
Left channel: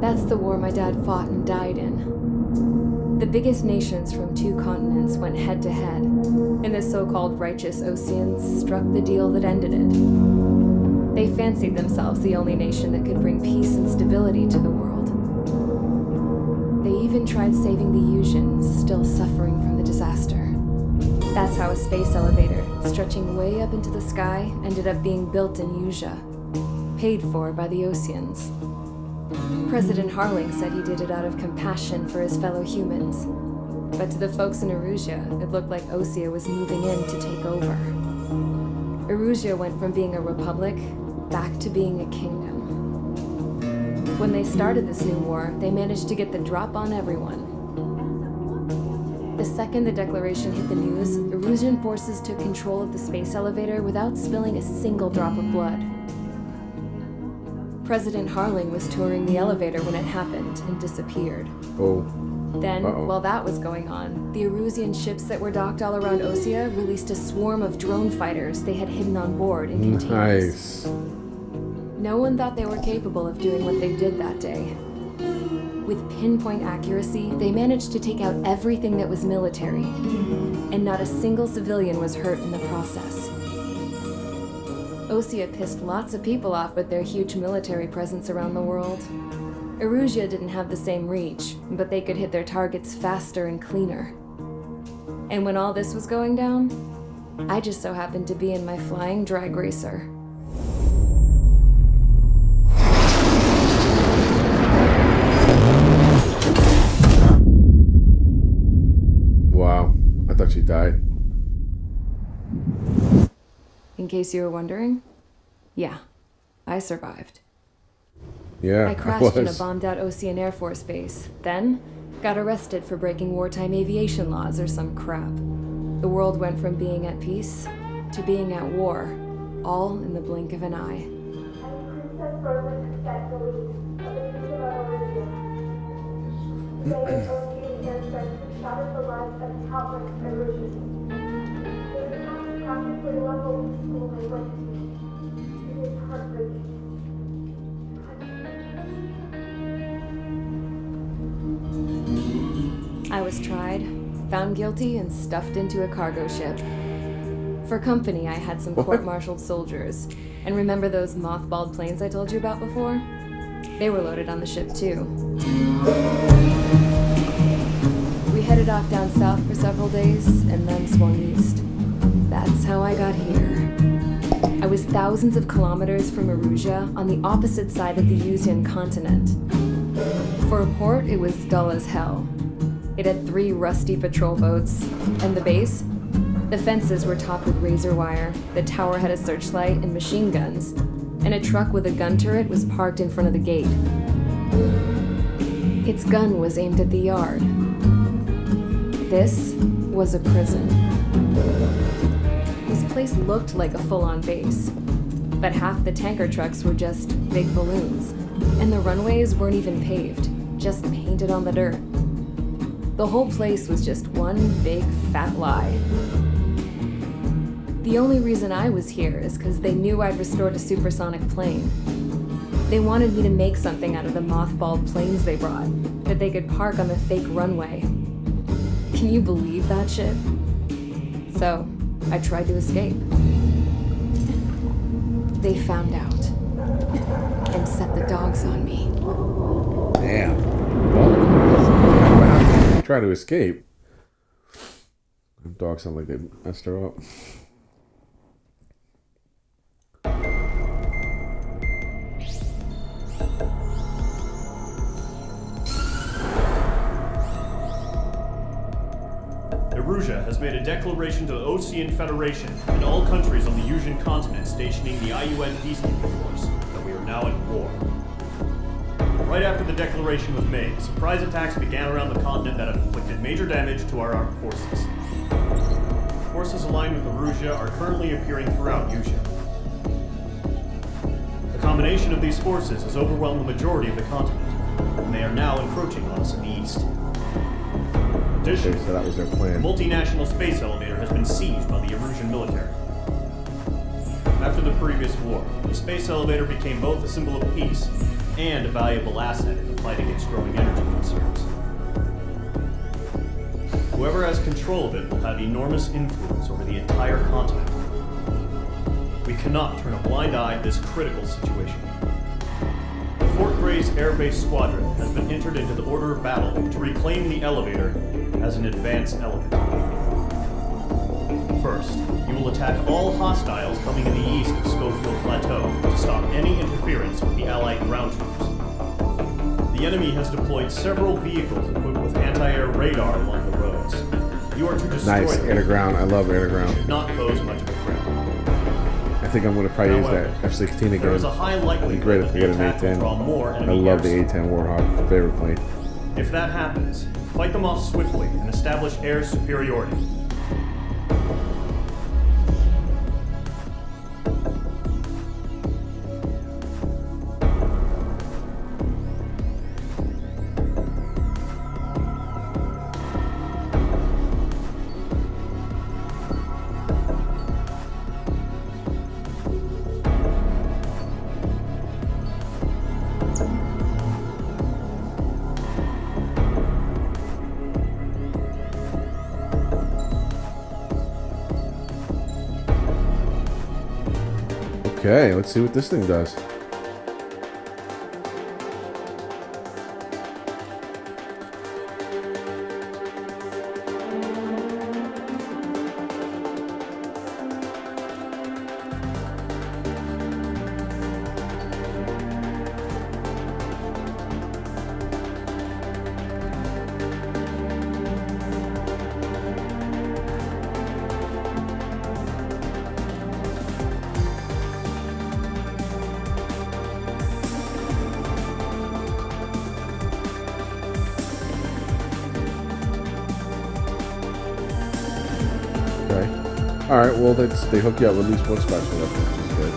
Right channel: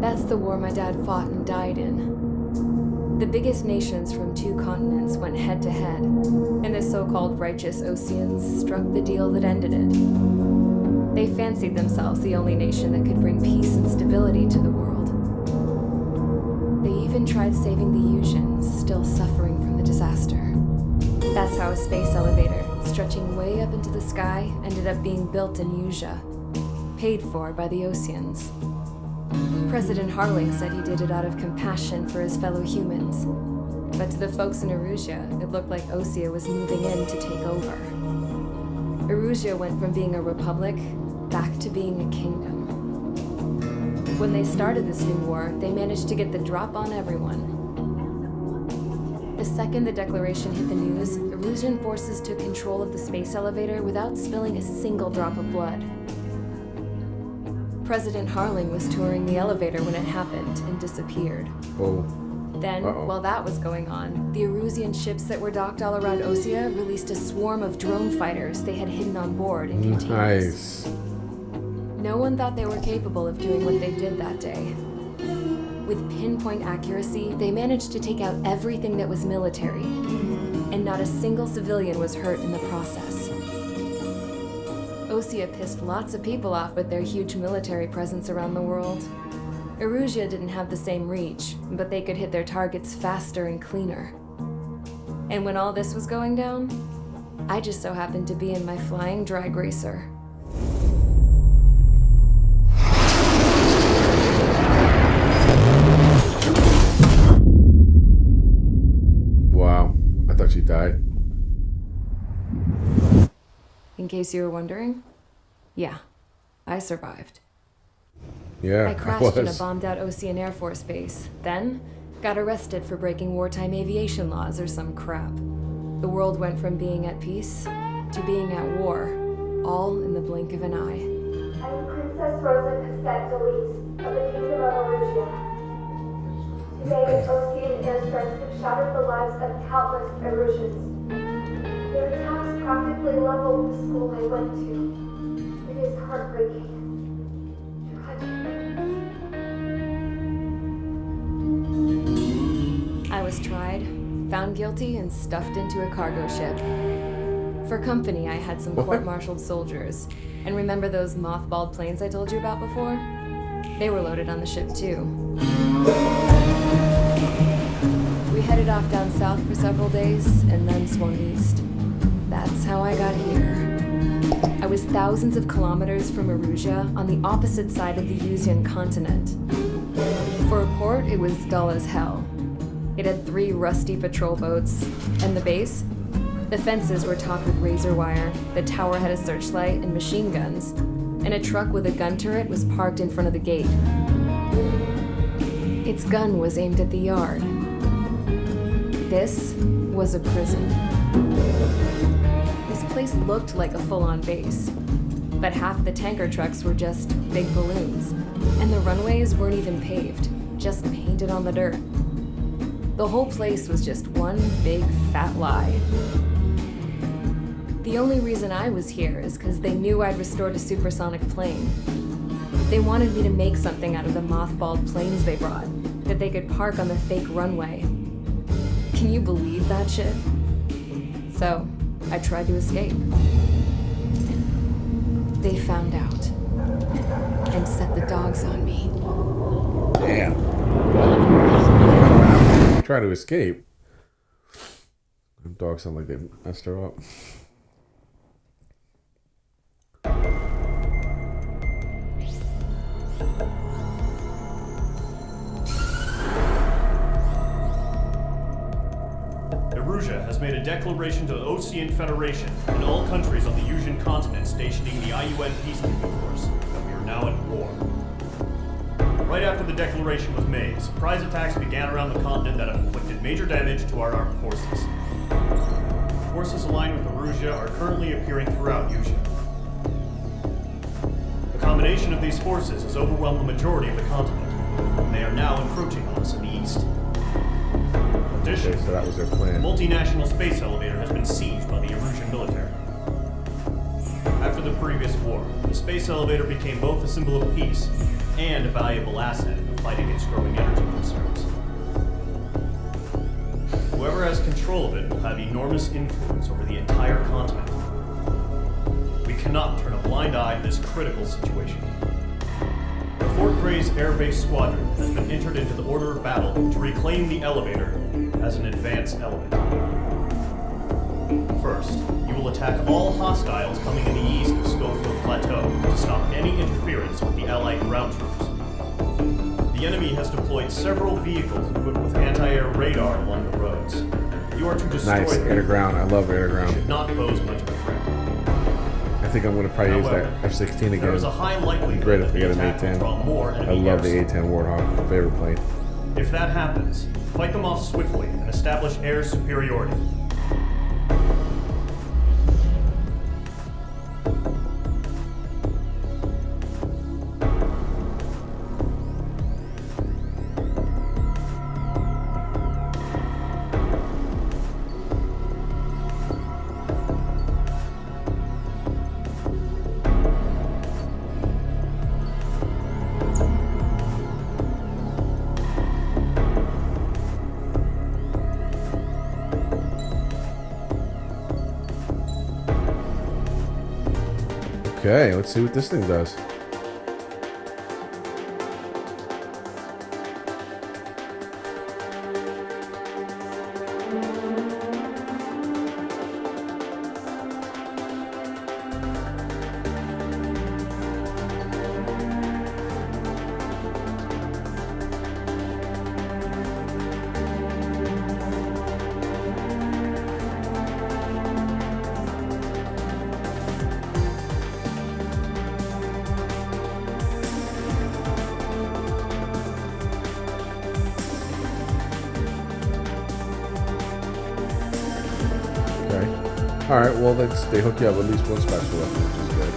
That's the war my dad fought and died in. The biggest nations from 2 continents went head-to-head, and the so-called righteous Oseans struck the deal that ended it. They fancied themselves the only nation that could bring peace and stability to the world. They even tried saving the Yusians, still suffering from the disaster. That's how a space elevator, stretching way up into the sky, ended up being built in Yusia, paid for by the Oseans. President Harling said he did it out of compassion for his fellow humans, but to the folks in Erusia, it looked like Osea was moving in to take over. Erusia went from being a republic back to being a kingdom. When they started this new war, they managed to get the drop on everyone. The second the declaration hit the news, Erusian forces took control of the space elevator without spilling a single drop of blood. President Harling was touring the elevator when it happened and disappeared. Then, while that was going on, the Erusian ships that were docked all around Osea released a swarm of drone fighters they had hidden on board in containers. No one thought they were capable of doing what they did that day. With pinpoint accuracy, they managed to take out everything that was military, and not a single civilian was hurt in the process. Osea pissed lots of people off with their huge military presence around the world. Erusia didn't have the same reach, but they could hit their targets faster and cleaner. And when all this was going down, I just so happened to be in my flying drag racer. Wow, I thought she died. In case you were wondering, yeah, I survived. Yeah, I crashed in a was. bombed-out Ocean Air Force base, then got arrested for breaking wartime aviation laws or some crap. The world went from being at peace to being at war, all in the blink of an eye. Princess Rosa Cassette Delise of the Kingdom of Erusia. Today, Ocean airstrikes have shattered the lives of countless Erusians. The attacks practically leveled the school I went to. It is heartbreaking. I was tried, found guilty, and stuffed into a cargo ship. For company, I had some court-martialed soldiers. And remember those mothballed planes I told you about before? They were loaded on the ship, too. We headed off down south for several days, and then swung east. That's how I got here. I was thousands of kilometers from Erusia, on the opposite side of the Yuzian continent. For a port, it was dull as hell. It had 3 rusty patrol boats, and the base? The fences were topped with razor wire, the tower had a searchlight and machine guns, and a truck with a gun turret was parked in front of the gate. Its gun was aimed at the yard. This was a prison. This place looked like a full-on base, but half the tanker trucks were just big balloons, and the runways weren't even paved, just painted on the dirt. The whole place was just one big fat lie. The only reason I was here is because they knew I'd restored a supersonic plane. They wanted me to make something out of the mothballed planes they brought, that they could park on the fake runway. Can you believe that shit? So, I tried to escape. They found out and set the dogs on me. Damn. Well, that's kind of what happened if you try to escape. Them dogs sound like they messed her up. Erusia has made a declaration to the Ocean Federation and all countries on the Yusian continent stationing the IUN peacekeeping force that we are now at war. Right after the declaration was made, surprise attacks began around the continent that have inflicted major damage to our armed forces. Forces aligned with Erusia are currently appearing throughout Yusia. The combination of these forces has overwhelmed the majority of the continent, and they are now encroaching on us in the east. Additionally, Okay, so that was their plan. the multinational space elevator has been seized by the Erusian military. After the previous war, the space elevator became both a symbol of peace and a valuable asset in the fight against growing energy concerns. Whoever has control of it will have enormous influence over the entire continent. We cannot turn a blind eye to this critical situation. The Fort Gray's Air Base Squadron has been entered into the order of battle to reclaim the elevator as an advanced element. First, you will attack all hostiles coming in the east of Schofield Plateau to stop any interference with the Allied ground troops. The enemy has deployed several vehicles equipped with anti-air radar along the roads. You are to destroy Nice, them. air to ground. I love air to They ground. should not pose much of a threat. I think I'm going to probably use However, that F-16 again. there is a high It'd be likelihood great that if we the get an attack will A-10. draw more I enemy love the air A-10 Warthog. Favorite plane. If that happens, fight them off swiftly and establish air superiority. Okay, let's see what this thing does. Okay. All right. Well, they hook you up with at least one special weapon, which is good.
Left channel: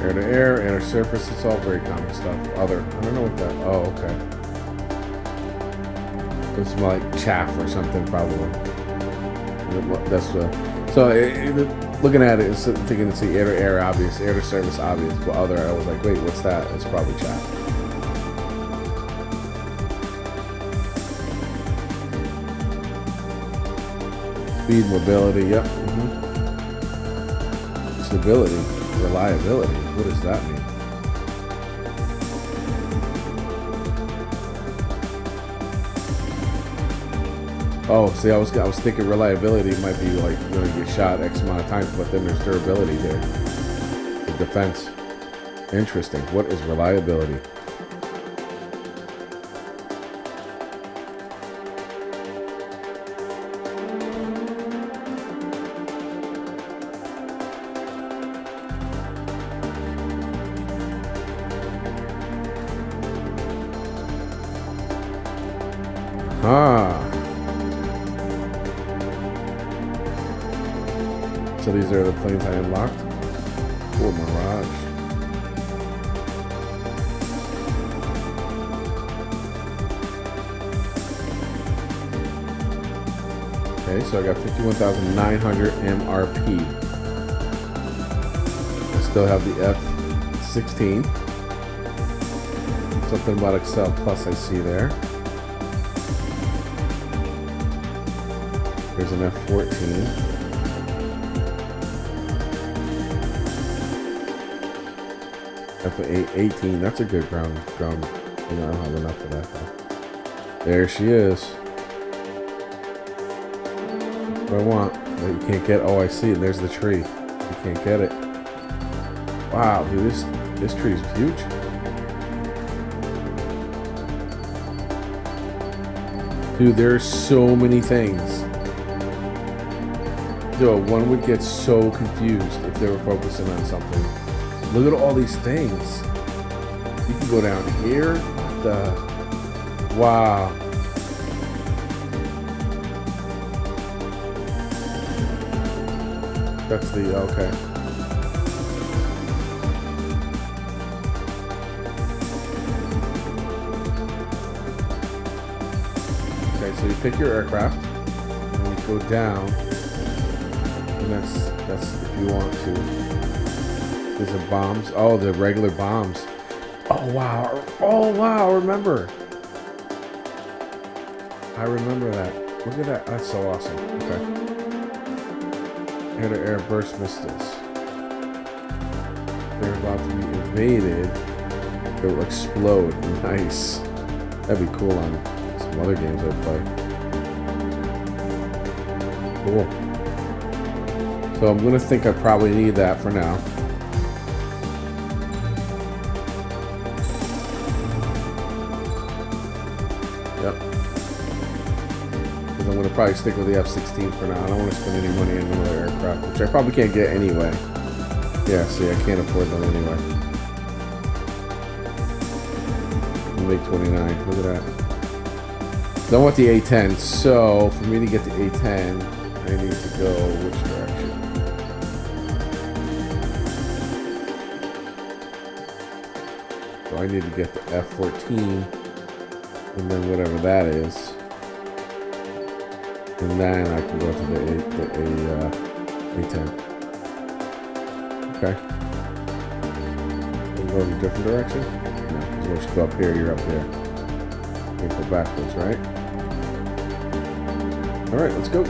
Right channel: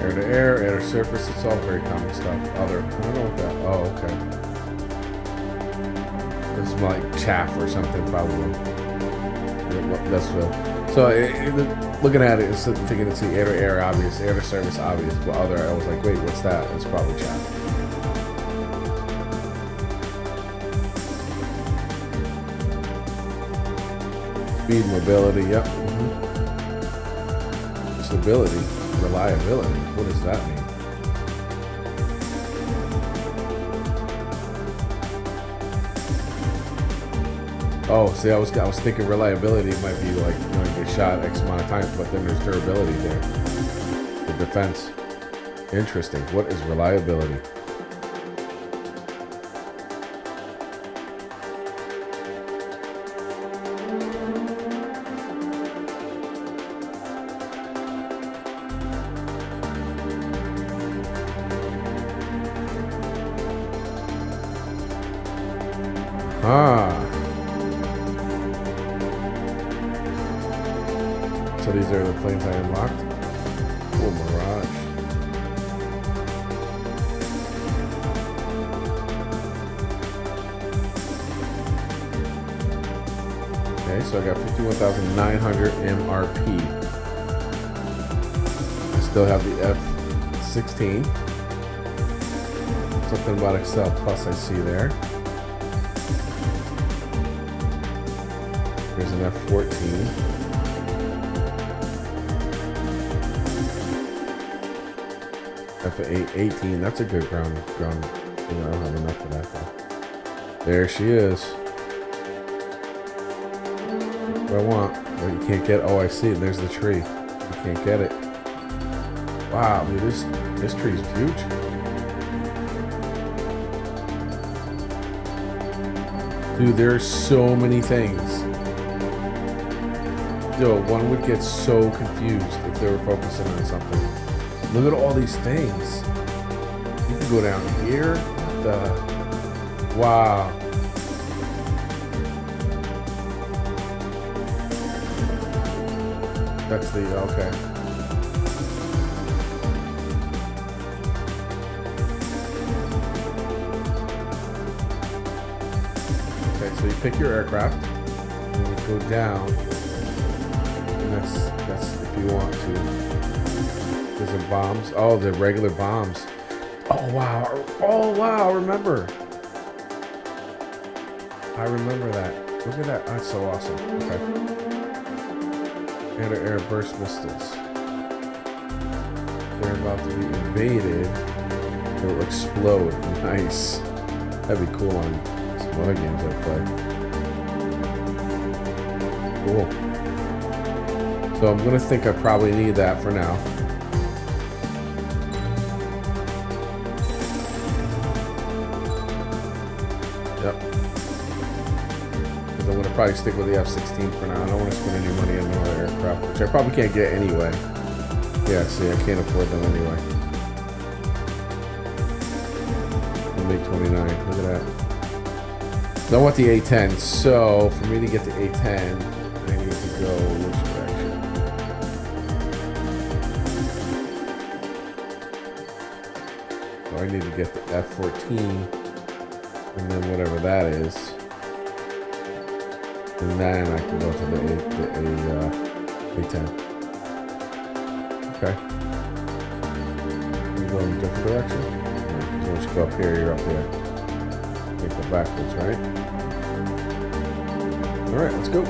Air to air, air to surface, it's all very common stuff. I don't know what that, oh, okay. This is more like chaff or something, probably. That's looking at it, it's thinking it's the air to air, obvious, air to surface, obvious, but I was like, wait, what's that? It's probably chaff. Speed, mobility, yep. Stability. Reliability. What does that mean? Oh, see, I was thinking reliability might be like, you know, you get shot X amount of times, but then there's durability there. The defense. Interesting. What is reliability? So these are the planes I unlocked. Cool, Mirage. Okay, so I got 51,900 MRP. I still have the F-16. Something about Excel Plus I see there. Here's an F-14. F-18, that's a good ground. You know, I don't have enough of that though. There she is. That's what I want. What you can't get. Oh, I see. And there's the tree. You can't get it. Wow, dude, this tree is huge. Dude, there's so many things. Dude, one would get so confused if they were focusing on something. Look at all these things. You can go down here. What the? Wow. That's the, okay. Okay, so you pick your aircraft, and then you go down, and that's if you want to. There's a bombs. Oh, the regular bombs. Oh wow. Oh wow. I remember that. Look at that. That's so awesome. Okay. Air-to-air burst missiles. They're about to be invaded. It will explode. Nice. That'd be cool on some other games I play. Cool. So I'm gonna think I probably need that for now. Yep. Because I'm going to probably stick with the F-16 for now. I don't want to spend any money on another aircraft, which I probably can't get anyway. Yeah, see, I can't afford them anyway. MiG-29, look at that. So I want the A-10, so for me to get the A-10, I need to go which direction? So I need to get the F-14. And then whatever that is, and then I can go to the A10. Okay. Are you going in a different direction? No, because once you go up here, you're up here. You can't go backwards, right? All right, let's go.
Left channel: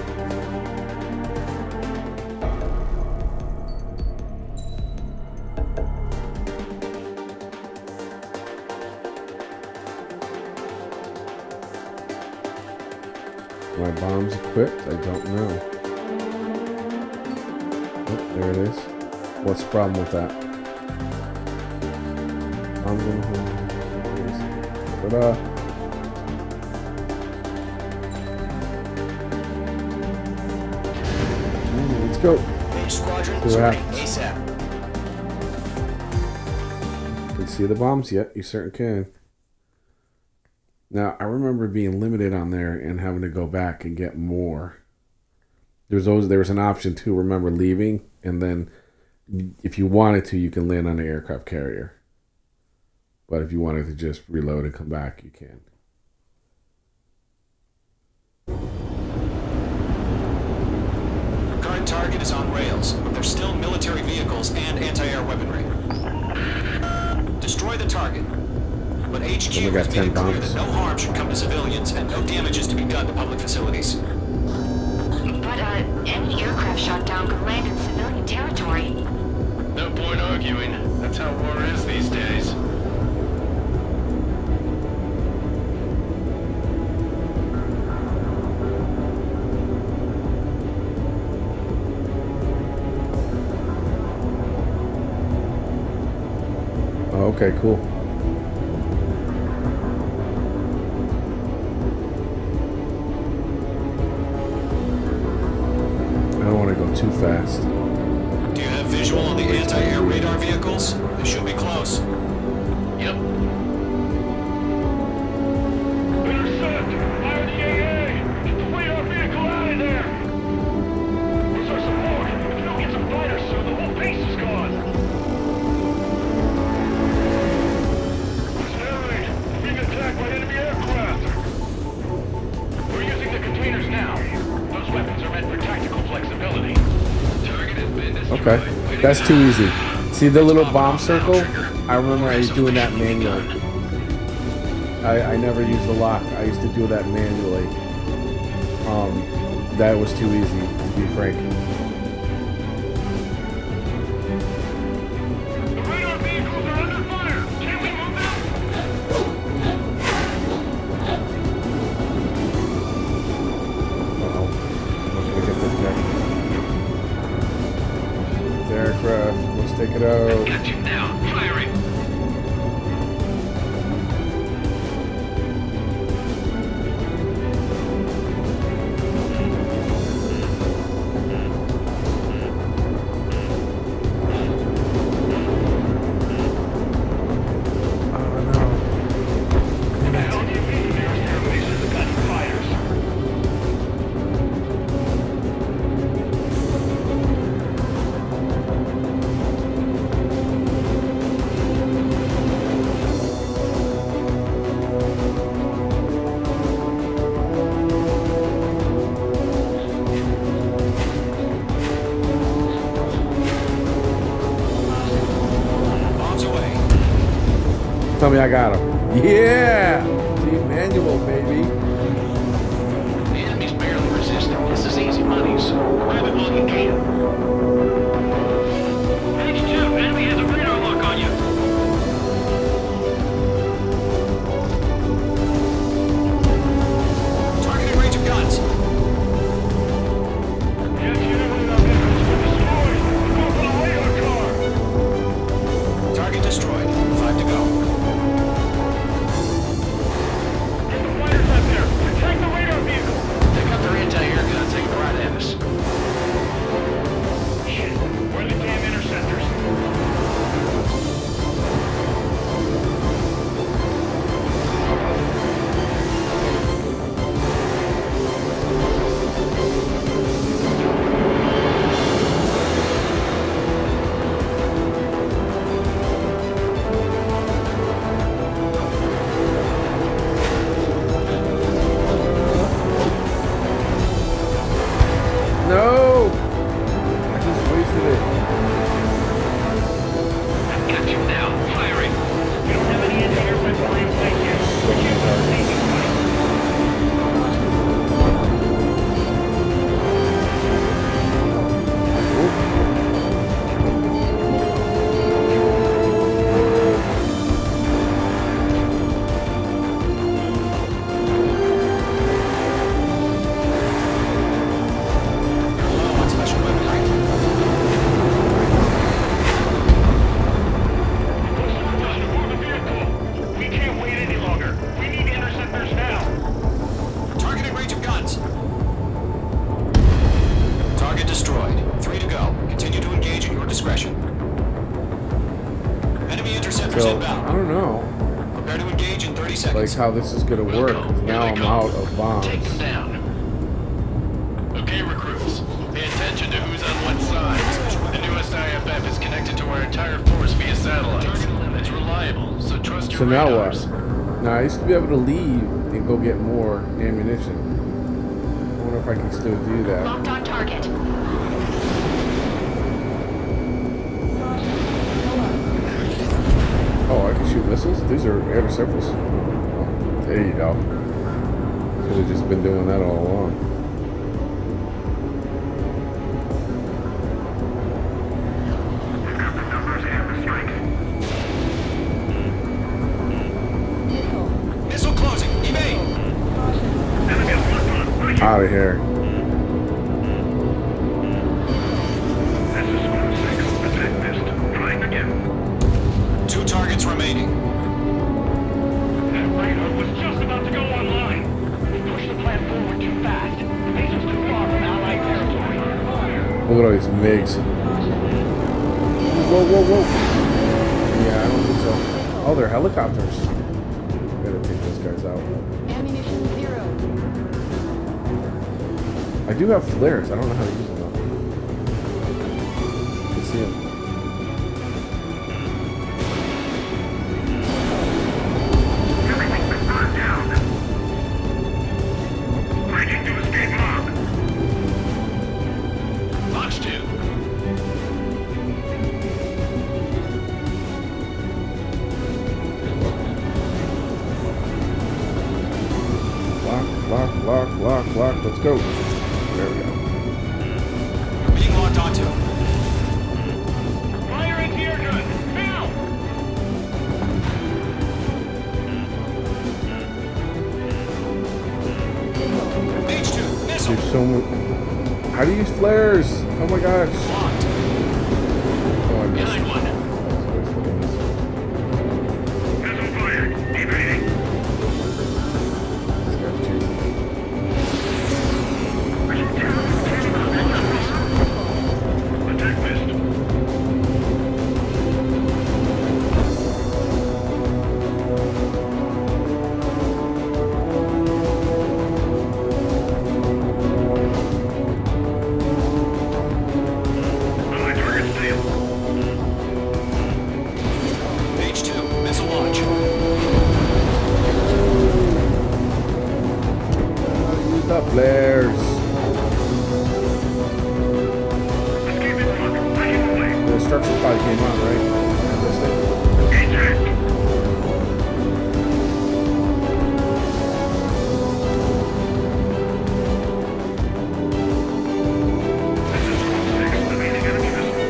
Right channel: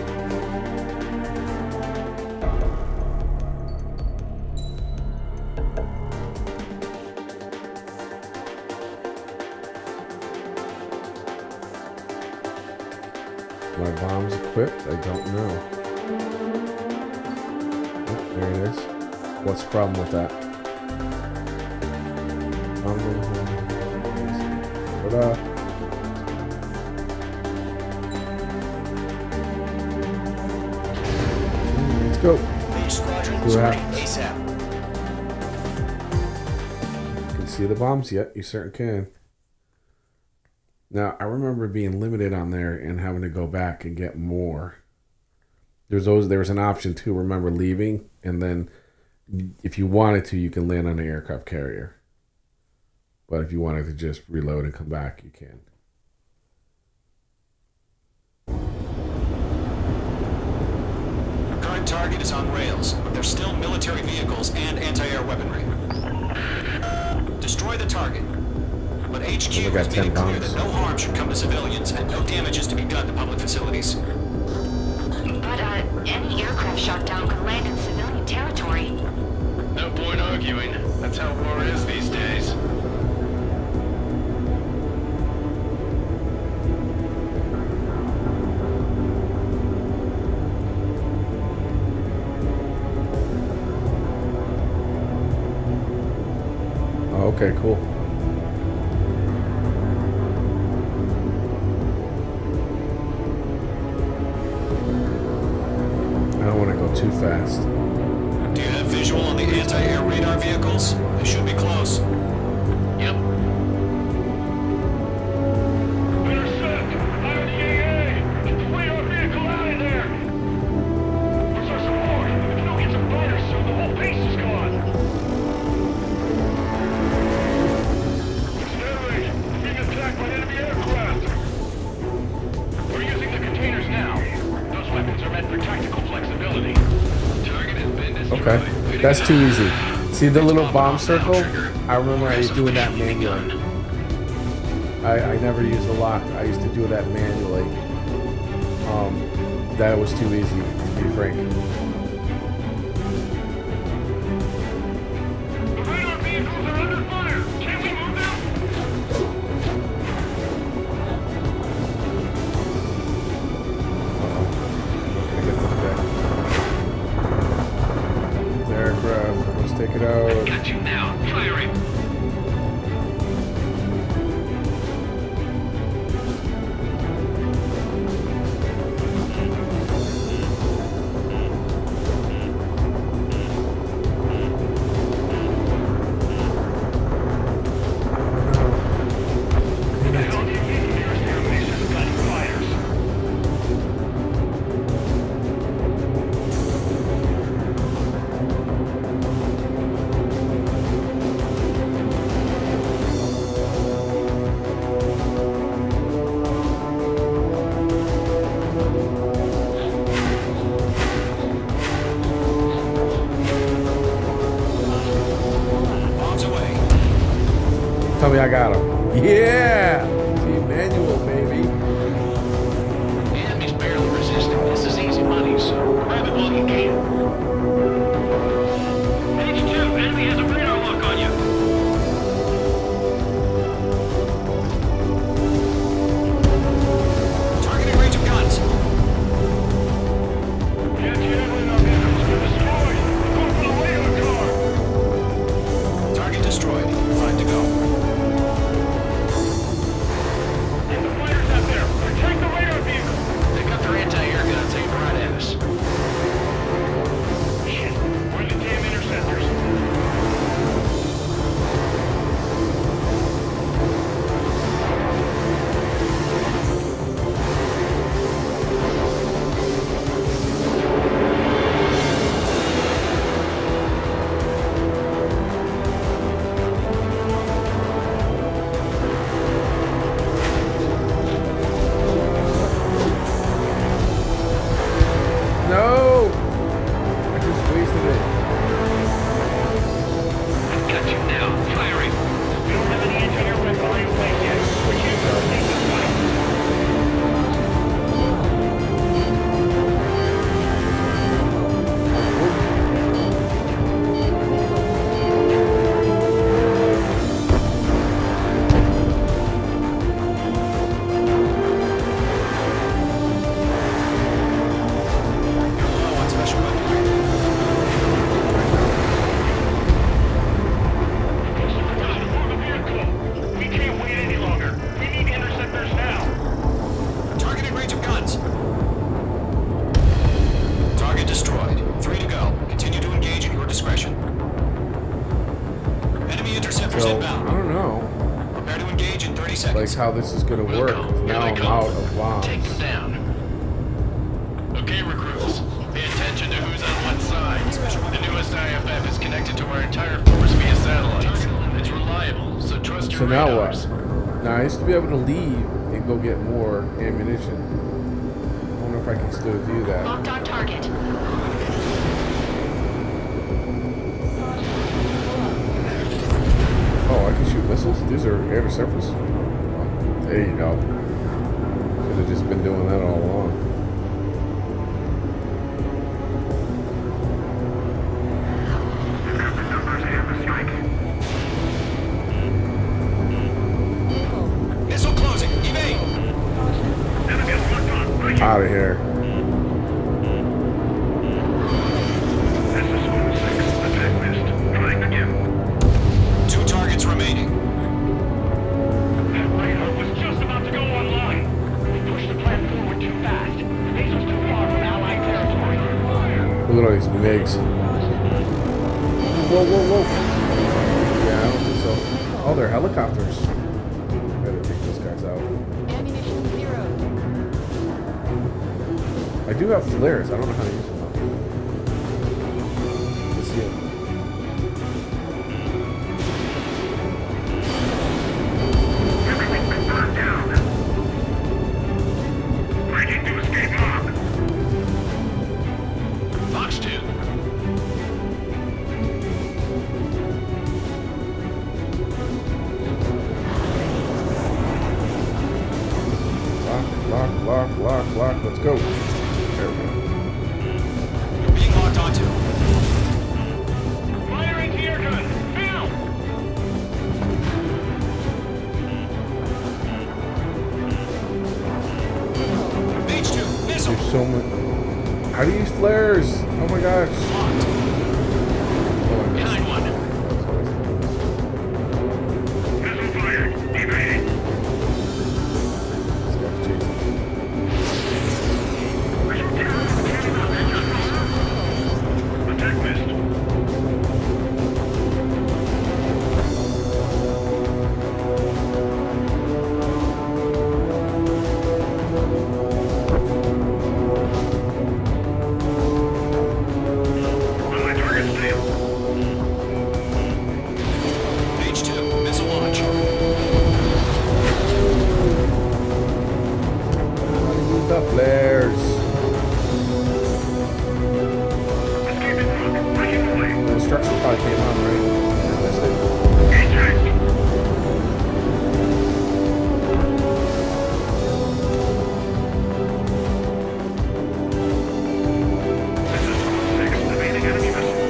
My bombs equipped? I don't know. Oh, there it is. What's the problem with that? Bombs in the home. Ta-da. Let's go. Mage Squadron, See what ready happens. ASAP. You can see the bombs yet? You certainly can. Now, I remember being limited on there and having to go back and get more. There was an option to remember leaving, and then if you wanted to, you can land on an aircraft carrier. But if you wanted to just reload and come back, you can. Current target is on rails, but there's still military vehicles and anti-air weaponry. Destroy the target. But HQ Only got has 10 made it clear bombs. that no harm should come to civilians and no damage is to be done to public facilities. But, any aircraft shot down could land in civilian territory. No point arguing. That's how war is these days. Oh, okay, cool. I don't want to go too fast. Do you have visual on the anti-air radar vehicles? They should be close. Yep. Intercept! Fire the AA! Get the radar vehicle out of there! Where's our support? If you don't get some fighters soon, the whole base is gone! Accelerate! We're being attacked by enemy aircraft! We're using the containers now. Those weapons are meant for tactical flexibility. Target has been destroyed. Okay, that's too easy. See the little bomb circle? I remember I used doing that manually. I never used the lock. I used to do that manually. That was too easy, to be frank. The radar vehicles are under fire! Can we move them? Uh-oh. I'm not gonna get this guy. Get the aircraft. Let's take it out. Got you now. Firing. Oh no. What the hell do you mean the nearest air base has got any fighters? Bombs away. Tell me I got him. Yeah! See, manual, baby. The enemy's barely resisting. This is easy money, so grab it while you can. Page 2, enemy has a radar lock on you. Targeting range of guns. The anti-air radar vehicles have been destroyed. We're going for the radar car. Target destroyed. 5 to go. Get the fighters out there. Protect the radar vehicle. They got their anti-air guns aimed right at us. Shit, where are the damn interceptors? No! I just wasted it. I've got you now. Firing. We don't have any anti-air weaponry in place yet. So We many can't lose targets. this fight. Whoop. You're low on special weaponry. discretion. Enemy interceptors So, inbound. I don't know. Prepare to engage in 30 seconds. Like how this is gonna work, because now I'm out of bombs. Take them down. Okay, recruits. Pay attention to who's on what side. The newest IFF is connected to our entire force via satellites. It's reliable, so trust your So now radars. what? Now I used to be able to leave and go get more ammunition. I wonder if I can still do that. Locked on target. Oh, I can shoot missiles? These are air to surface? Oh, well, there you go. Should have just been doing that all along. Missile closing. Evade. Out of here. This is Squad 6. Attack missed. Trying again. 2 targets remaining. That radar was just about to go online. We pushed the plan forward too fast. The base was too far from Allied territory. Look at all these MiGs. Whoa, whoa, whoa. Yeah, I don't think so. Oh, they're helicopters. Gotta take those guys out. Ammunition 0. I do have flares. I don't know how to use them though. You can see them. Everything's been burned down. Breaking to escape mob. Fox 2. Lock. Let's go. There we go. You're being locked onto. Fire anti-air gun! Now! H2. Missile. There's so much. How do you use flares? Oh my gosh. Locked. Oh, I missed. Behind one. That was a waste of a missile. Missile fired. Evading. This guy's chasing me. Attack missed. On my target's tail. H2. Missile launch. How to use the flares. Escaping rock. Breaking away. The instructions probably came on, right? I missed it. Eject. This is Squad 6. Evading enemy missile.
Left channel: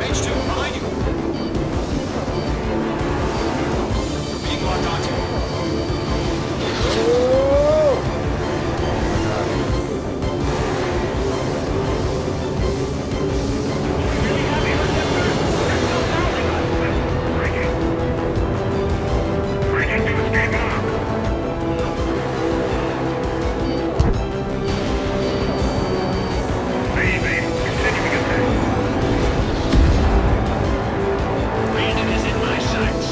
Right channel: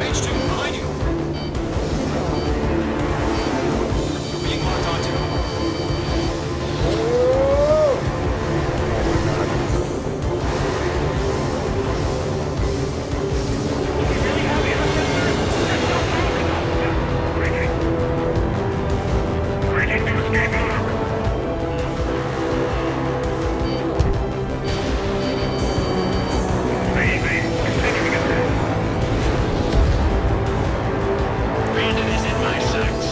H2. Behind you. You're being locked onto. Oh! Oh my god, that was something. Do we really have interceptors? They're still pounding us! Breaking. Breaking to escape mob. They evading. Continuing attack. Bandit is in my sights.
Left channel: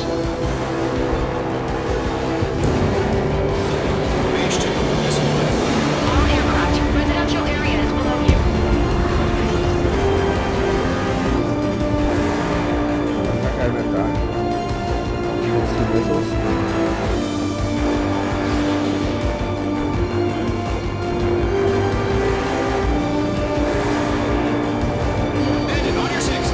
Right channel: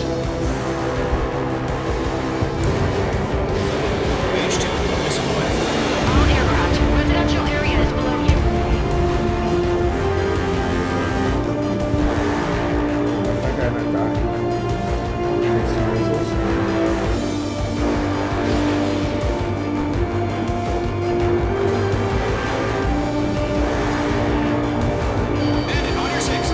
H2. Missile away. All aircraft. Residential area is below you. How did that guy not die? Takes 2 missiles? Bandit, on your 6.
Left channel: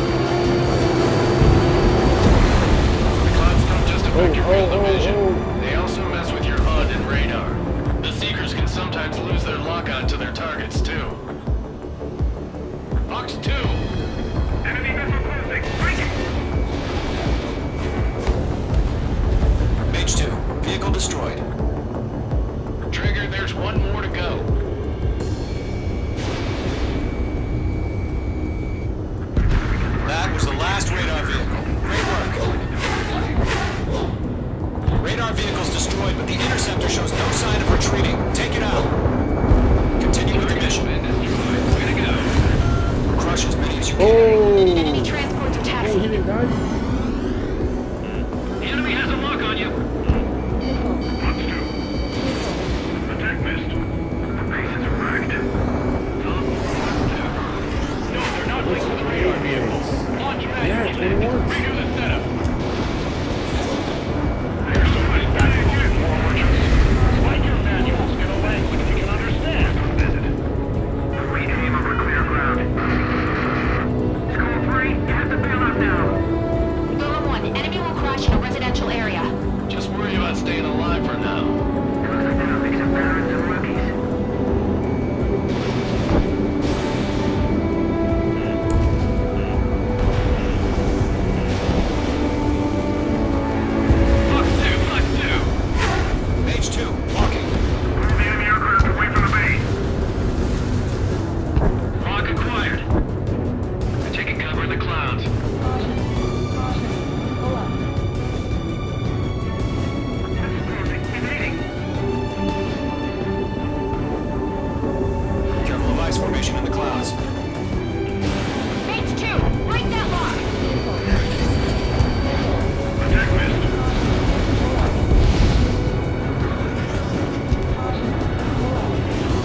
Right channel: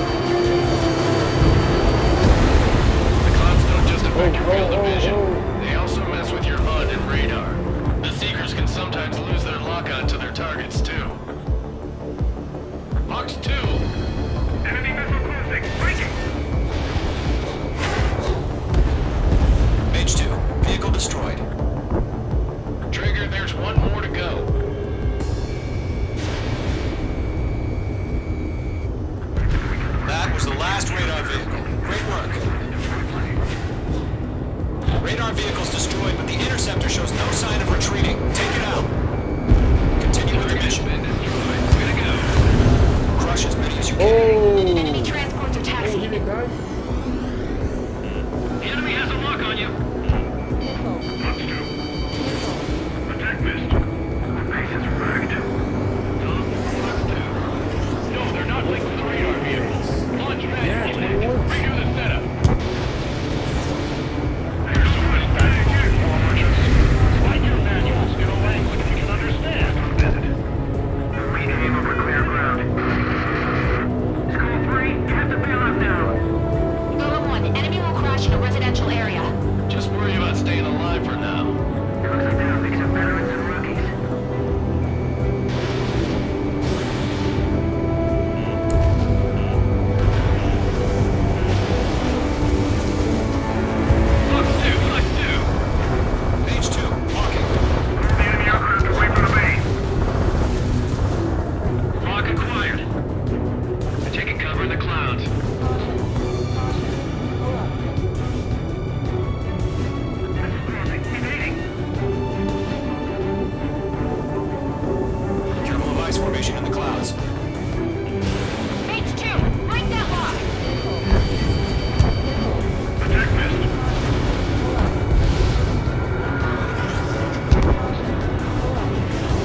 The clouds don't just affect your field of vision. Oh. They also mess with your HUD and radar. The Seekers can sometimes lose their lock-on to their targets, too. Fox 2. Enemy missile closing. Breaking. H2. Vehicle destroyed. Trigger, there's one more to go. That was the last radar vehicle. Great work. vehicle's destroyed, but the interceptor shows no sign of retreating. Take it out. Continue with the mission. Crush as many as you can. Oh! Enemy transports are taxiing. Oh, he didn't die? The enemy has a lock on you. Nickel. Fox 2. Nickel. Attack missed. The base is wrecked. Tell them Fox 2. No, they're not linked to the radar vehicle. Launch manually. Yeah, 21. Redo the setup. Here's some nice tactical support merchants. Slide your manuals in a language we can understand. We aim over clear ground. Skull 3, you have to bail out now. Golem 1, enemy will crash in a residential area. Just worry about staying alive for now. It looks like they're a mix of veterans and rookies. Fox 2. Page 2, walking. Move the enemy aircraft away from the base. Lock acquired. We're taking cover in the clouds. Caution. Caution. Pull up. This is closing. Evading. Careful of ice formation in the clouds. Page 2, break that lock. Nickel. Nickel. Attack missed. Caution. Pull up. Caution. Pull up.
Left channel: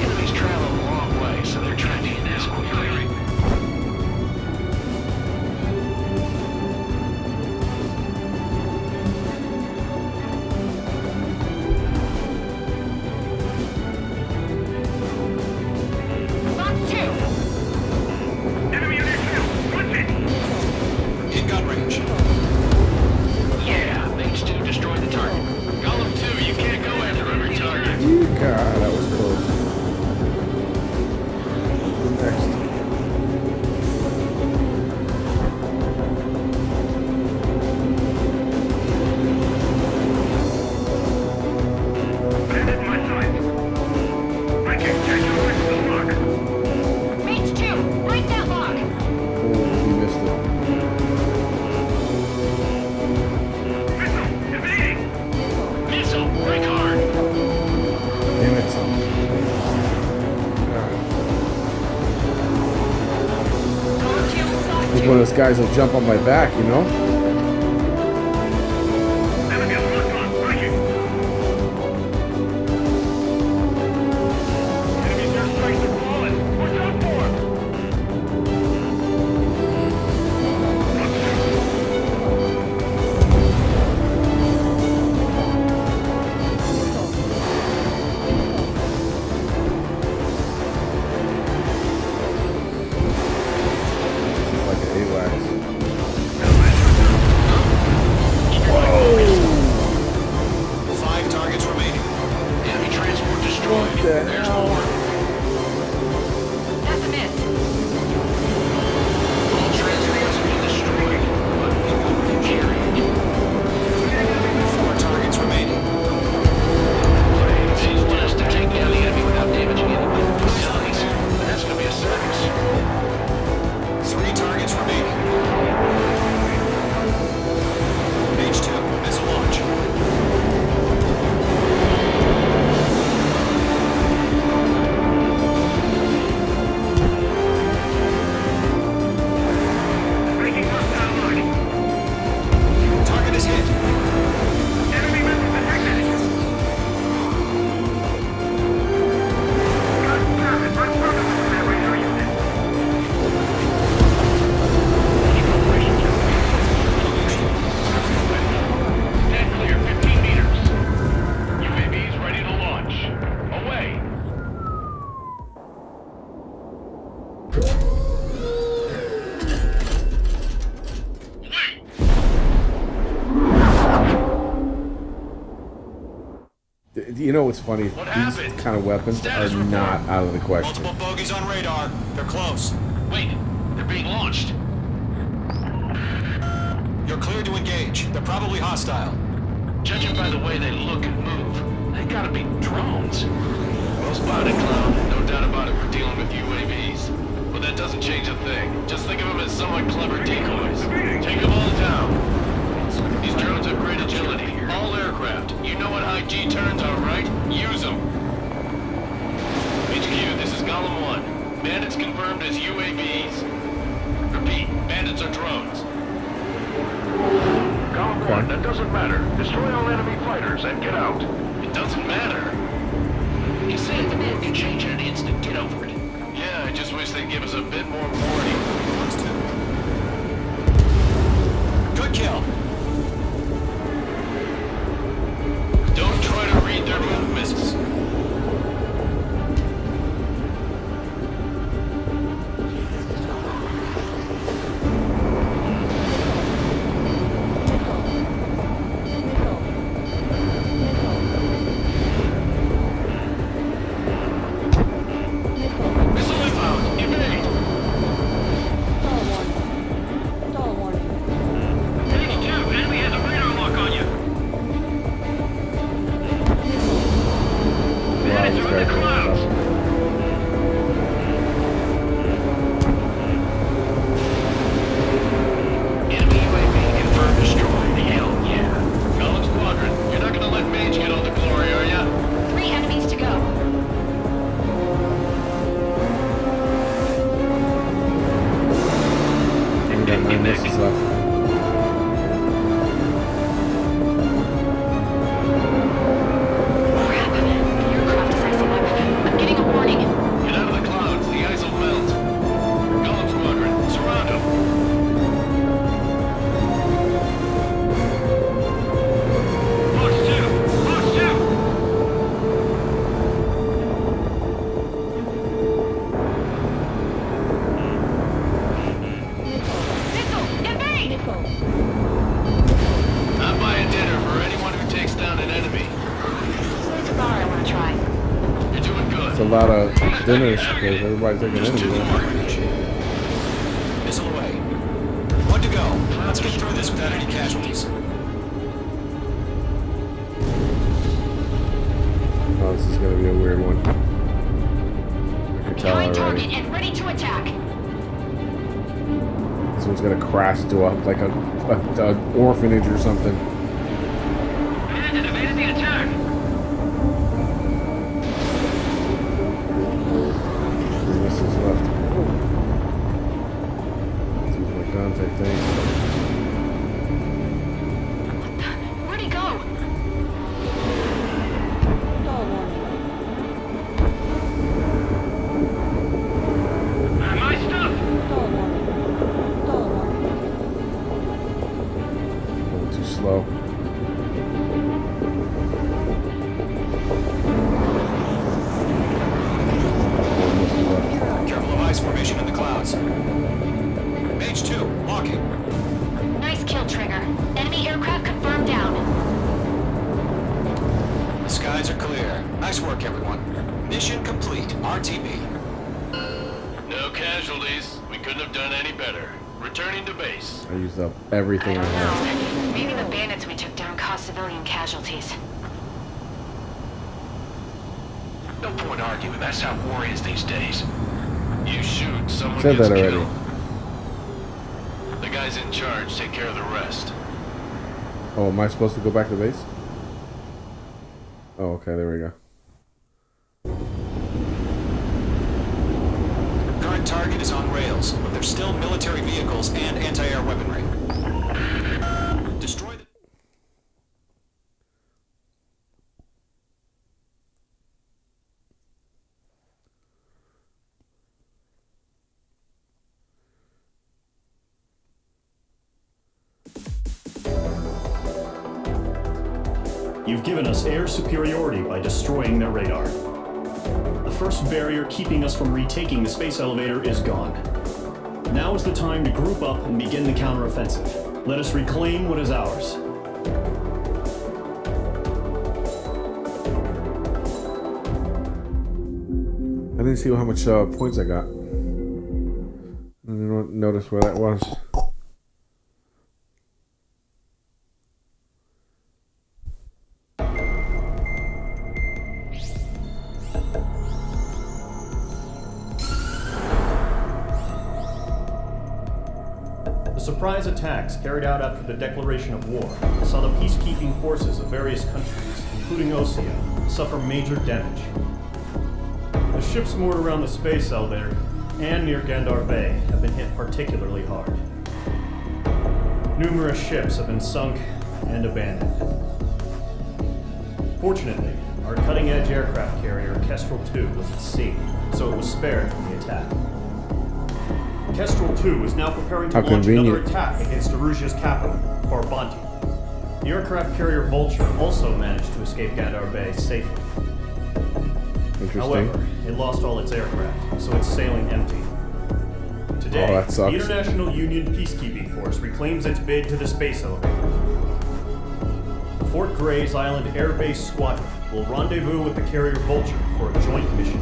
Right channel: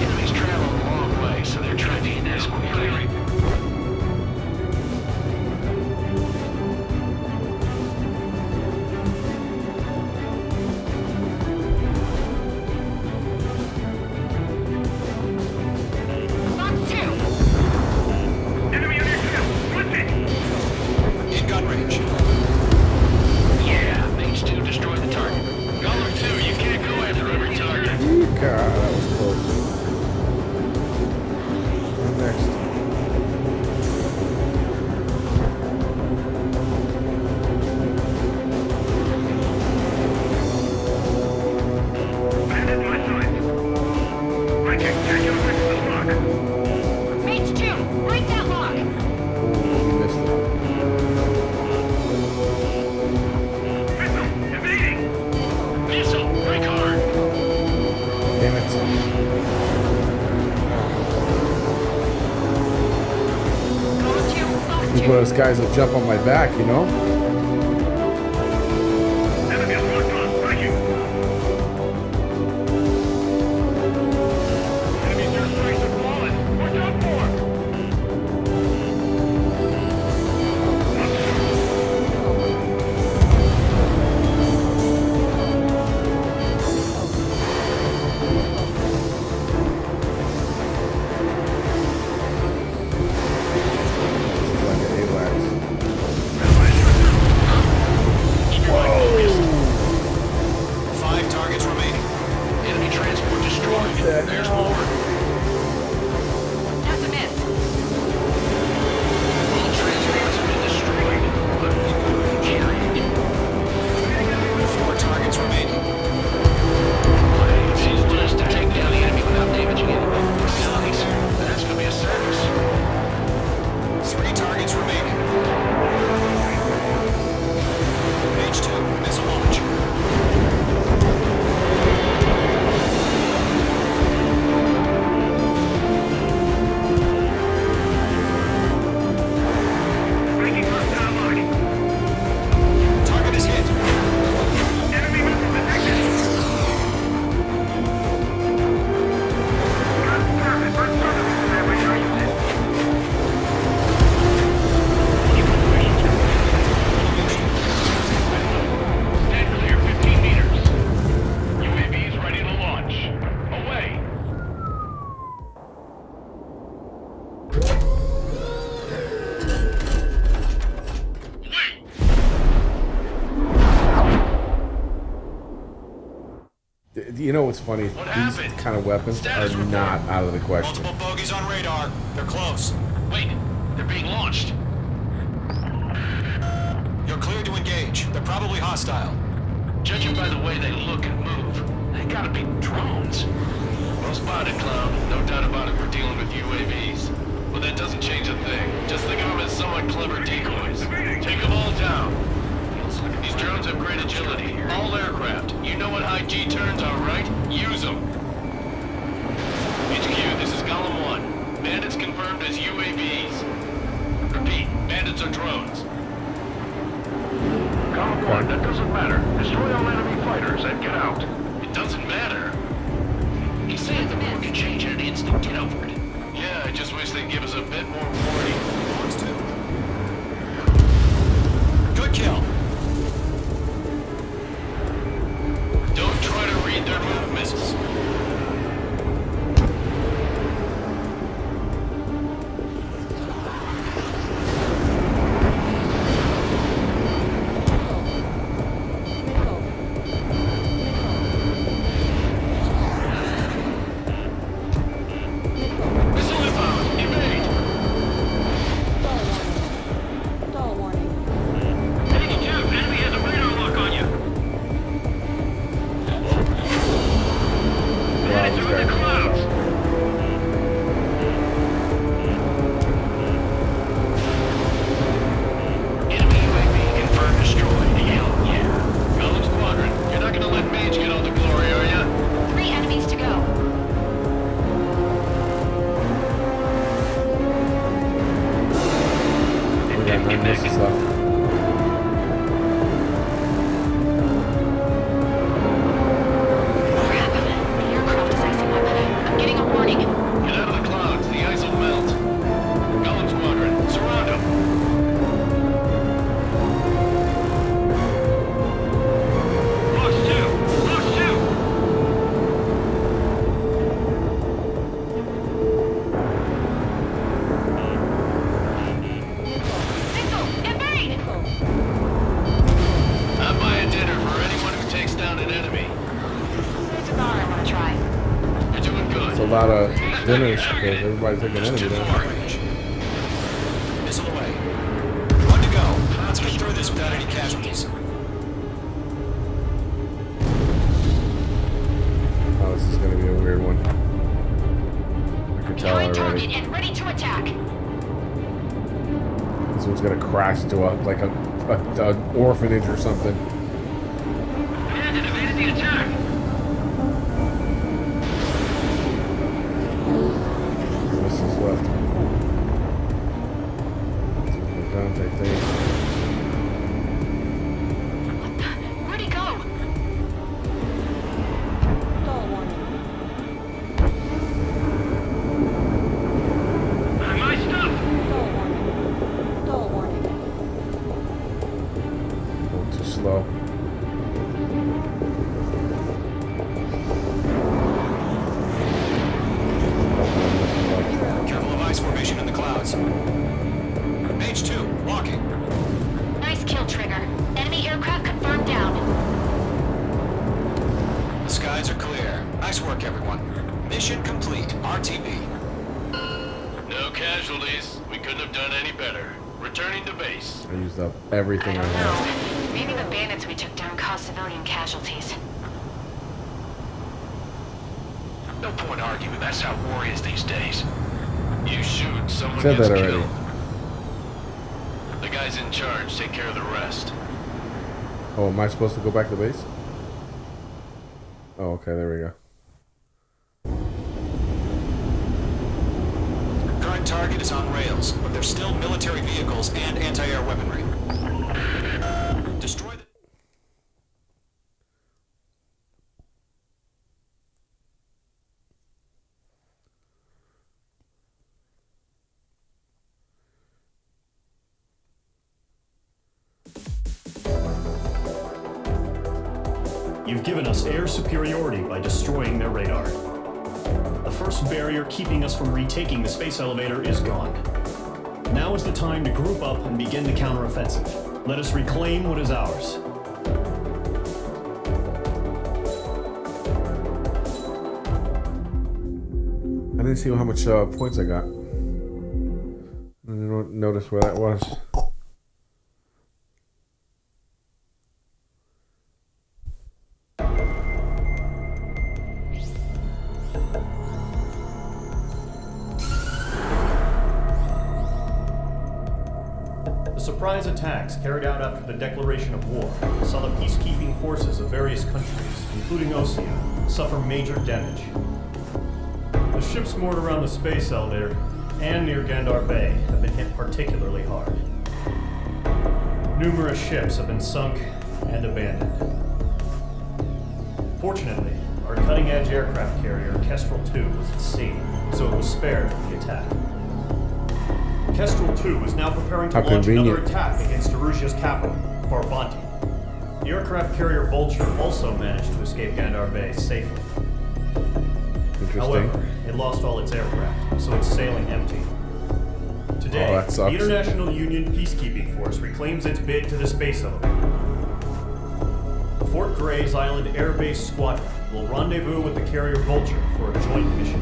Enemies travel a long way, so they're trying to get this quickly. Fox 2. Enemy on your tail. What's it? Nickel. In gun range. Nickel. Yeah, Mage 2 destroyed the target. Golem 2, you can't go after every target. God, that was close. Next. Bandit in my sights. Breaking. Can't get away from the smoke. Mage 2, break that lock. Oh, he missed it. Missile. Evading. Nickel. Missile, break hard. Nickel. Damn it. Nickel. Golem 2, Fox He's 2. one of those guys that'll jump on my back, you know? Enemy is locked on. Breaking. Enemy's airstrikes are flawless. We're done for. Nickel. Fox 2. Nickel. Nickel. Nickel. Nickel. This is like an AWACS. Whoa! 5 targets remaining. Enemy transport destroyed. What the There's hell? more. That's a miss. All transports have been destroyed, but in gun range area. 4 targets remaining. Wait, so you want us to take down the enemy without damaging any facilities? That's gonna be a circus. 3 targets remaining. Page 2, missile launch. Breaking hostile lock. Target is hit. Enemy missile detected. God damn it. My brother was in that radar unit. Launch preparations complete. Stand clear. 15 meters. UAVs ready to launch. Away. You know what's funny? What These happened? kind of weapons Status are report. not out of the question. Multiple bogies on radar. They're close. Wait, they're being launched. You're cleared to engage. They're probably hostile. Judging by the way they look and move, they gotta be drones. Well spotted, Clown. No doubt about it, we're dealing with UAVs. But that doesn't change a thing. Just think of them as somewhat clever decoys. Take them all down. These drones have great agility. All aircraft aircraft. You know what high G turns are, right? Use them. HQ, this is Golem 1. Bandits confirmed as UAVs. Repeat, bandits are drones. Column 1, that doesn't matter. Destroy all enemy fighters and get out. It doesn't matter. He's saying the war could change in an instant. Get over it. Yeah, I just wish they'd give us a bit more warning. Fox 2. Good kill. Don't try to read their movements. Missile inbound! Evade! Stall warning. Stall warning. HQ, enemy has a radar lock on you. Wow, these guys are tough. Enemy UAV confirmed destroyed. Hell yeah. Golem Squadron, you're not gonna let Mage get all the glory, are ya? 3 enemies to go. Only got 9 missiles left. Crap. The aircraft is icing up. I'm getting a warning. Get out of the clouds, the ice will melt. Golem Squadron, surround them. Fox 2! Fox 2! Missile! Invade! Missile. I'm buying dinner for anyone who takes down an enemy. There's a bar I want to try. You're doing good. It's a lot of dinners because everybody's taking Just enemy 2 there. more. Missile away. 1 to go. Let's get through this without any casualties. Oh, this is gonna be a weird one. I can tell Behind already. target and ready to attack. This one's gonna crash into a orphanage or something. Bandit evaded the attack. 3 missiles left. Whoa. Let's use my guns, I think. Where'd he go? Stall warning. My stuff! Stall warning. Stall warning. Going too slow. Got 1 missile left. Careful of ice formation in the clouds. Mage 2, locking. Nice kill, Trigger. Enemy aircraft confirmed down. The skies are clear. Nice work, everyone. Mission complete. RTB. No casualties. We couldn't have done any better. Returning to base. I used up everything I had. Maybe the bandits we took down caused civilian casualties. No point arguing. That's how war is these days. You shoot, someone Said gets that already. killed. The guys in charge take care of the rest. Oh, am I supposed to go back to base? Oh, okay, there we go. Current target is on rails, but there's still military vehicles and anti-air weaponry. Destroy the... You've given us air superiority by destroying their radar. The first barrier keeping us from retaking the space elevator is gone. Now is the time to group up and begin the counteroffensive. Let us reclaim what is ours. I didn't see how much points I got. I didn't notice where that was. The surprise attacks carried out after the declaration of war saw the peacekeeping forces of various countries, including Osea, suffer major damage. The ships moored around the space elevator and near Gandar Bay have been hit particularly hard. Numerous ships have been sunk and abandoned. Fortunately, our cutting-edge aircraft carrier Kestrel II was at sea, so it was spared from the attack. Kestrel II is now preparing to launch another attack against Erusia's capital, Farbanti. The aircraft carrier Vulture also managed to escape Gandar Bay safely. Interesting. However, it lost all its aircraft, so it's sailing empty. Today, that the sucks. International Union Peacekeeping Force reclaims its bid to the space elevator. The Fort Grays Island Air Base Squadron will rendezvous with the carrier Vulture for a joint mission.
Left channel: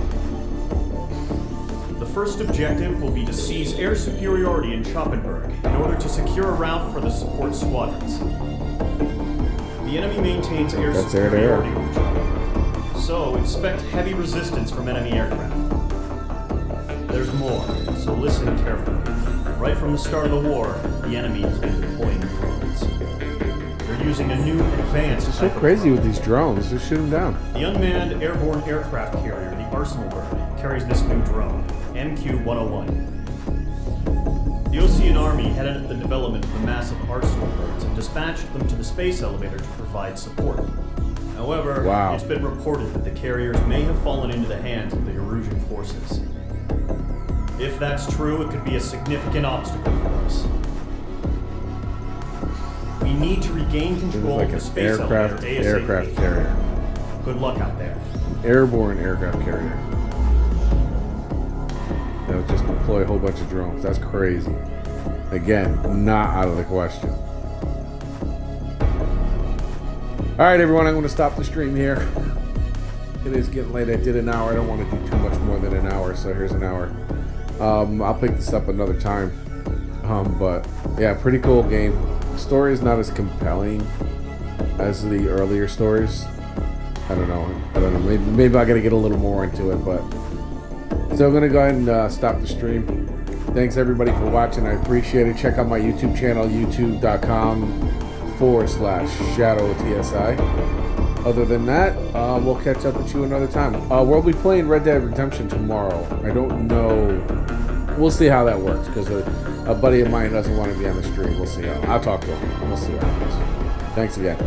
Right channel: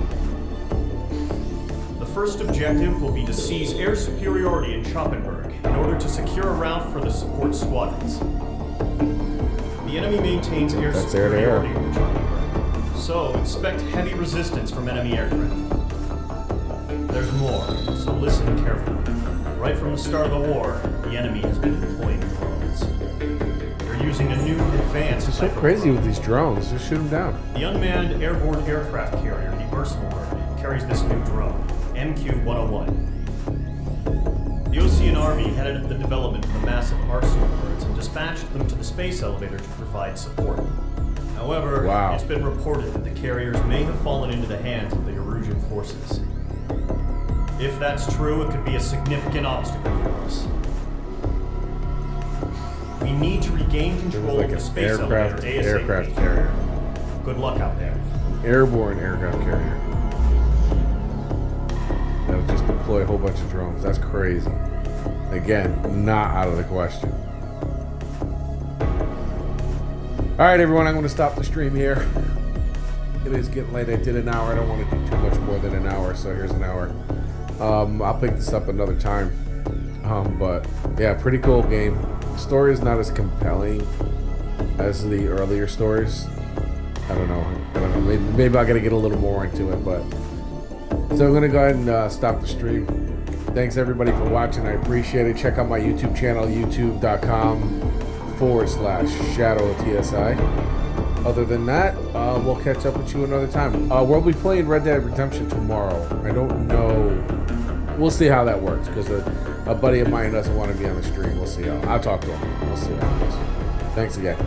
The first objective will be to seize air superiority in Schoppenberg in order to secure a route for the support squadrons. The enemy maintains air superiority over Schoppenberg, so expect heavy resistance from enemy aircraft. There's more, so listen carefully. Right from the start of the war, the enemy has been deploying drones. They're using a new advanced It's so type of crazy drone. with these drones. Just shoot them down. The unmanned airborne aircraft carrier, the Arsenal Bird, carries this new drone, MQ-101. The Ocean Army headed up the development of the massive Arsenal Birds and dispatched them to the space elevator to provide support. However, it's been reported that the carriers may have fallen into the hands of the Erusian forces. If that's true, it could be a significant obstacle for us. We need to regain control of the space elevator ASAP. Aircraft carrier. Good luck out there. An airborne aircraft carrier. That'll just deploy a whole bunch of drones. That's crazy. Again, not out of the question. All right, everyone, I'm going to stop the stream here. It is getting late. I did an hour. I don't want to do too much more than an hour, so here's an hour. I'll pick this up another time. But yeah, pretty cool game. The story is not as compelling as the earlier stories. I don't know. Maybe I got to get a little more into it, but so I'm gonna go ahead and stop the stream. Thanks everybody for watching. I appreciate it. Check out my YouTube channel, youtube.com/ShadowTSI. Other than that, we'll catch up with you another time. We'll be playing Red Dead Redemption tomorrow. I don't know. We'll see how that works because a buddy of mine doesn't want to be on the stream. We'll see how. I'll talk to him. We'll see what happens. Thanks again.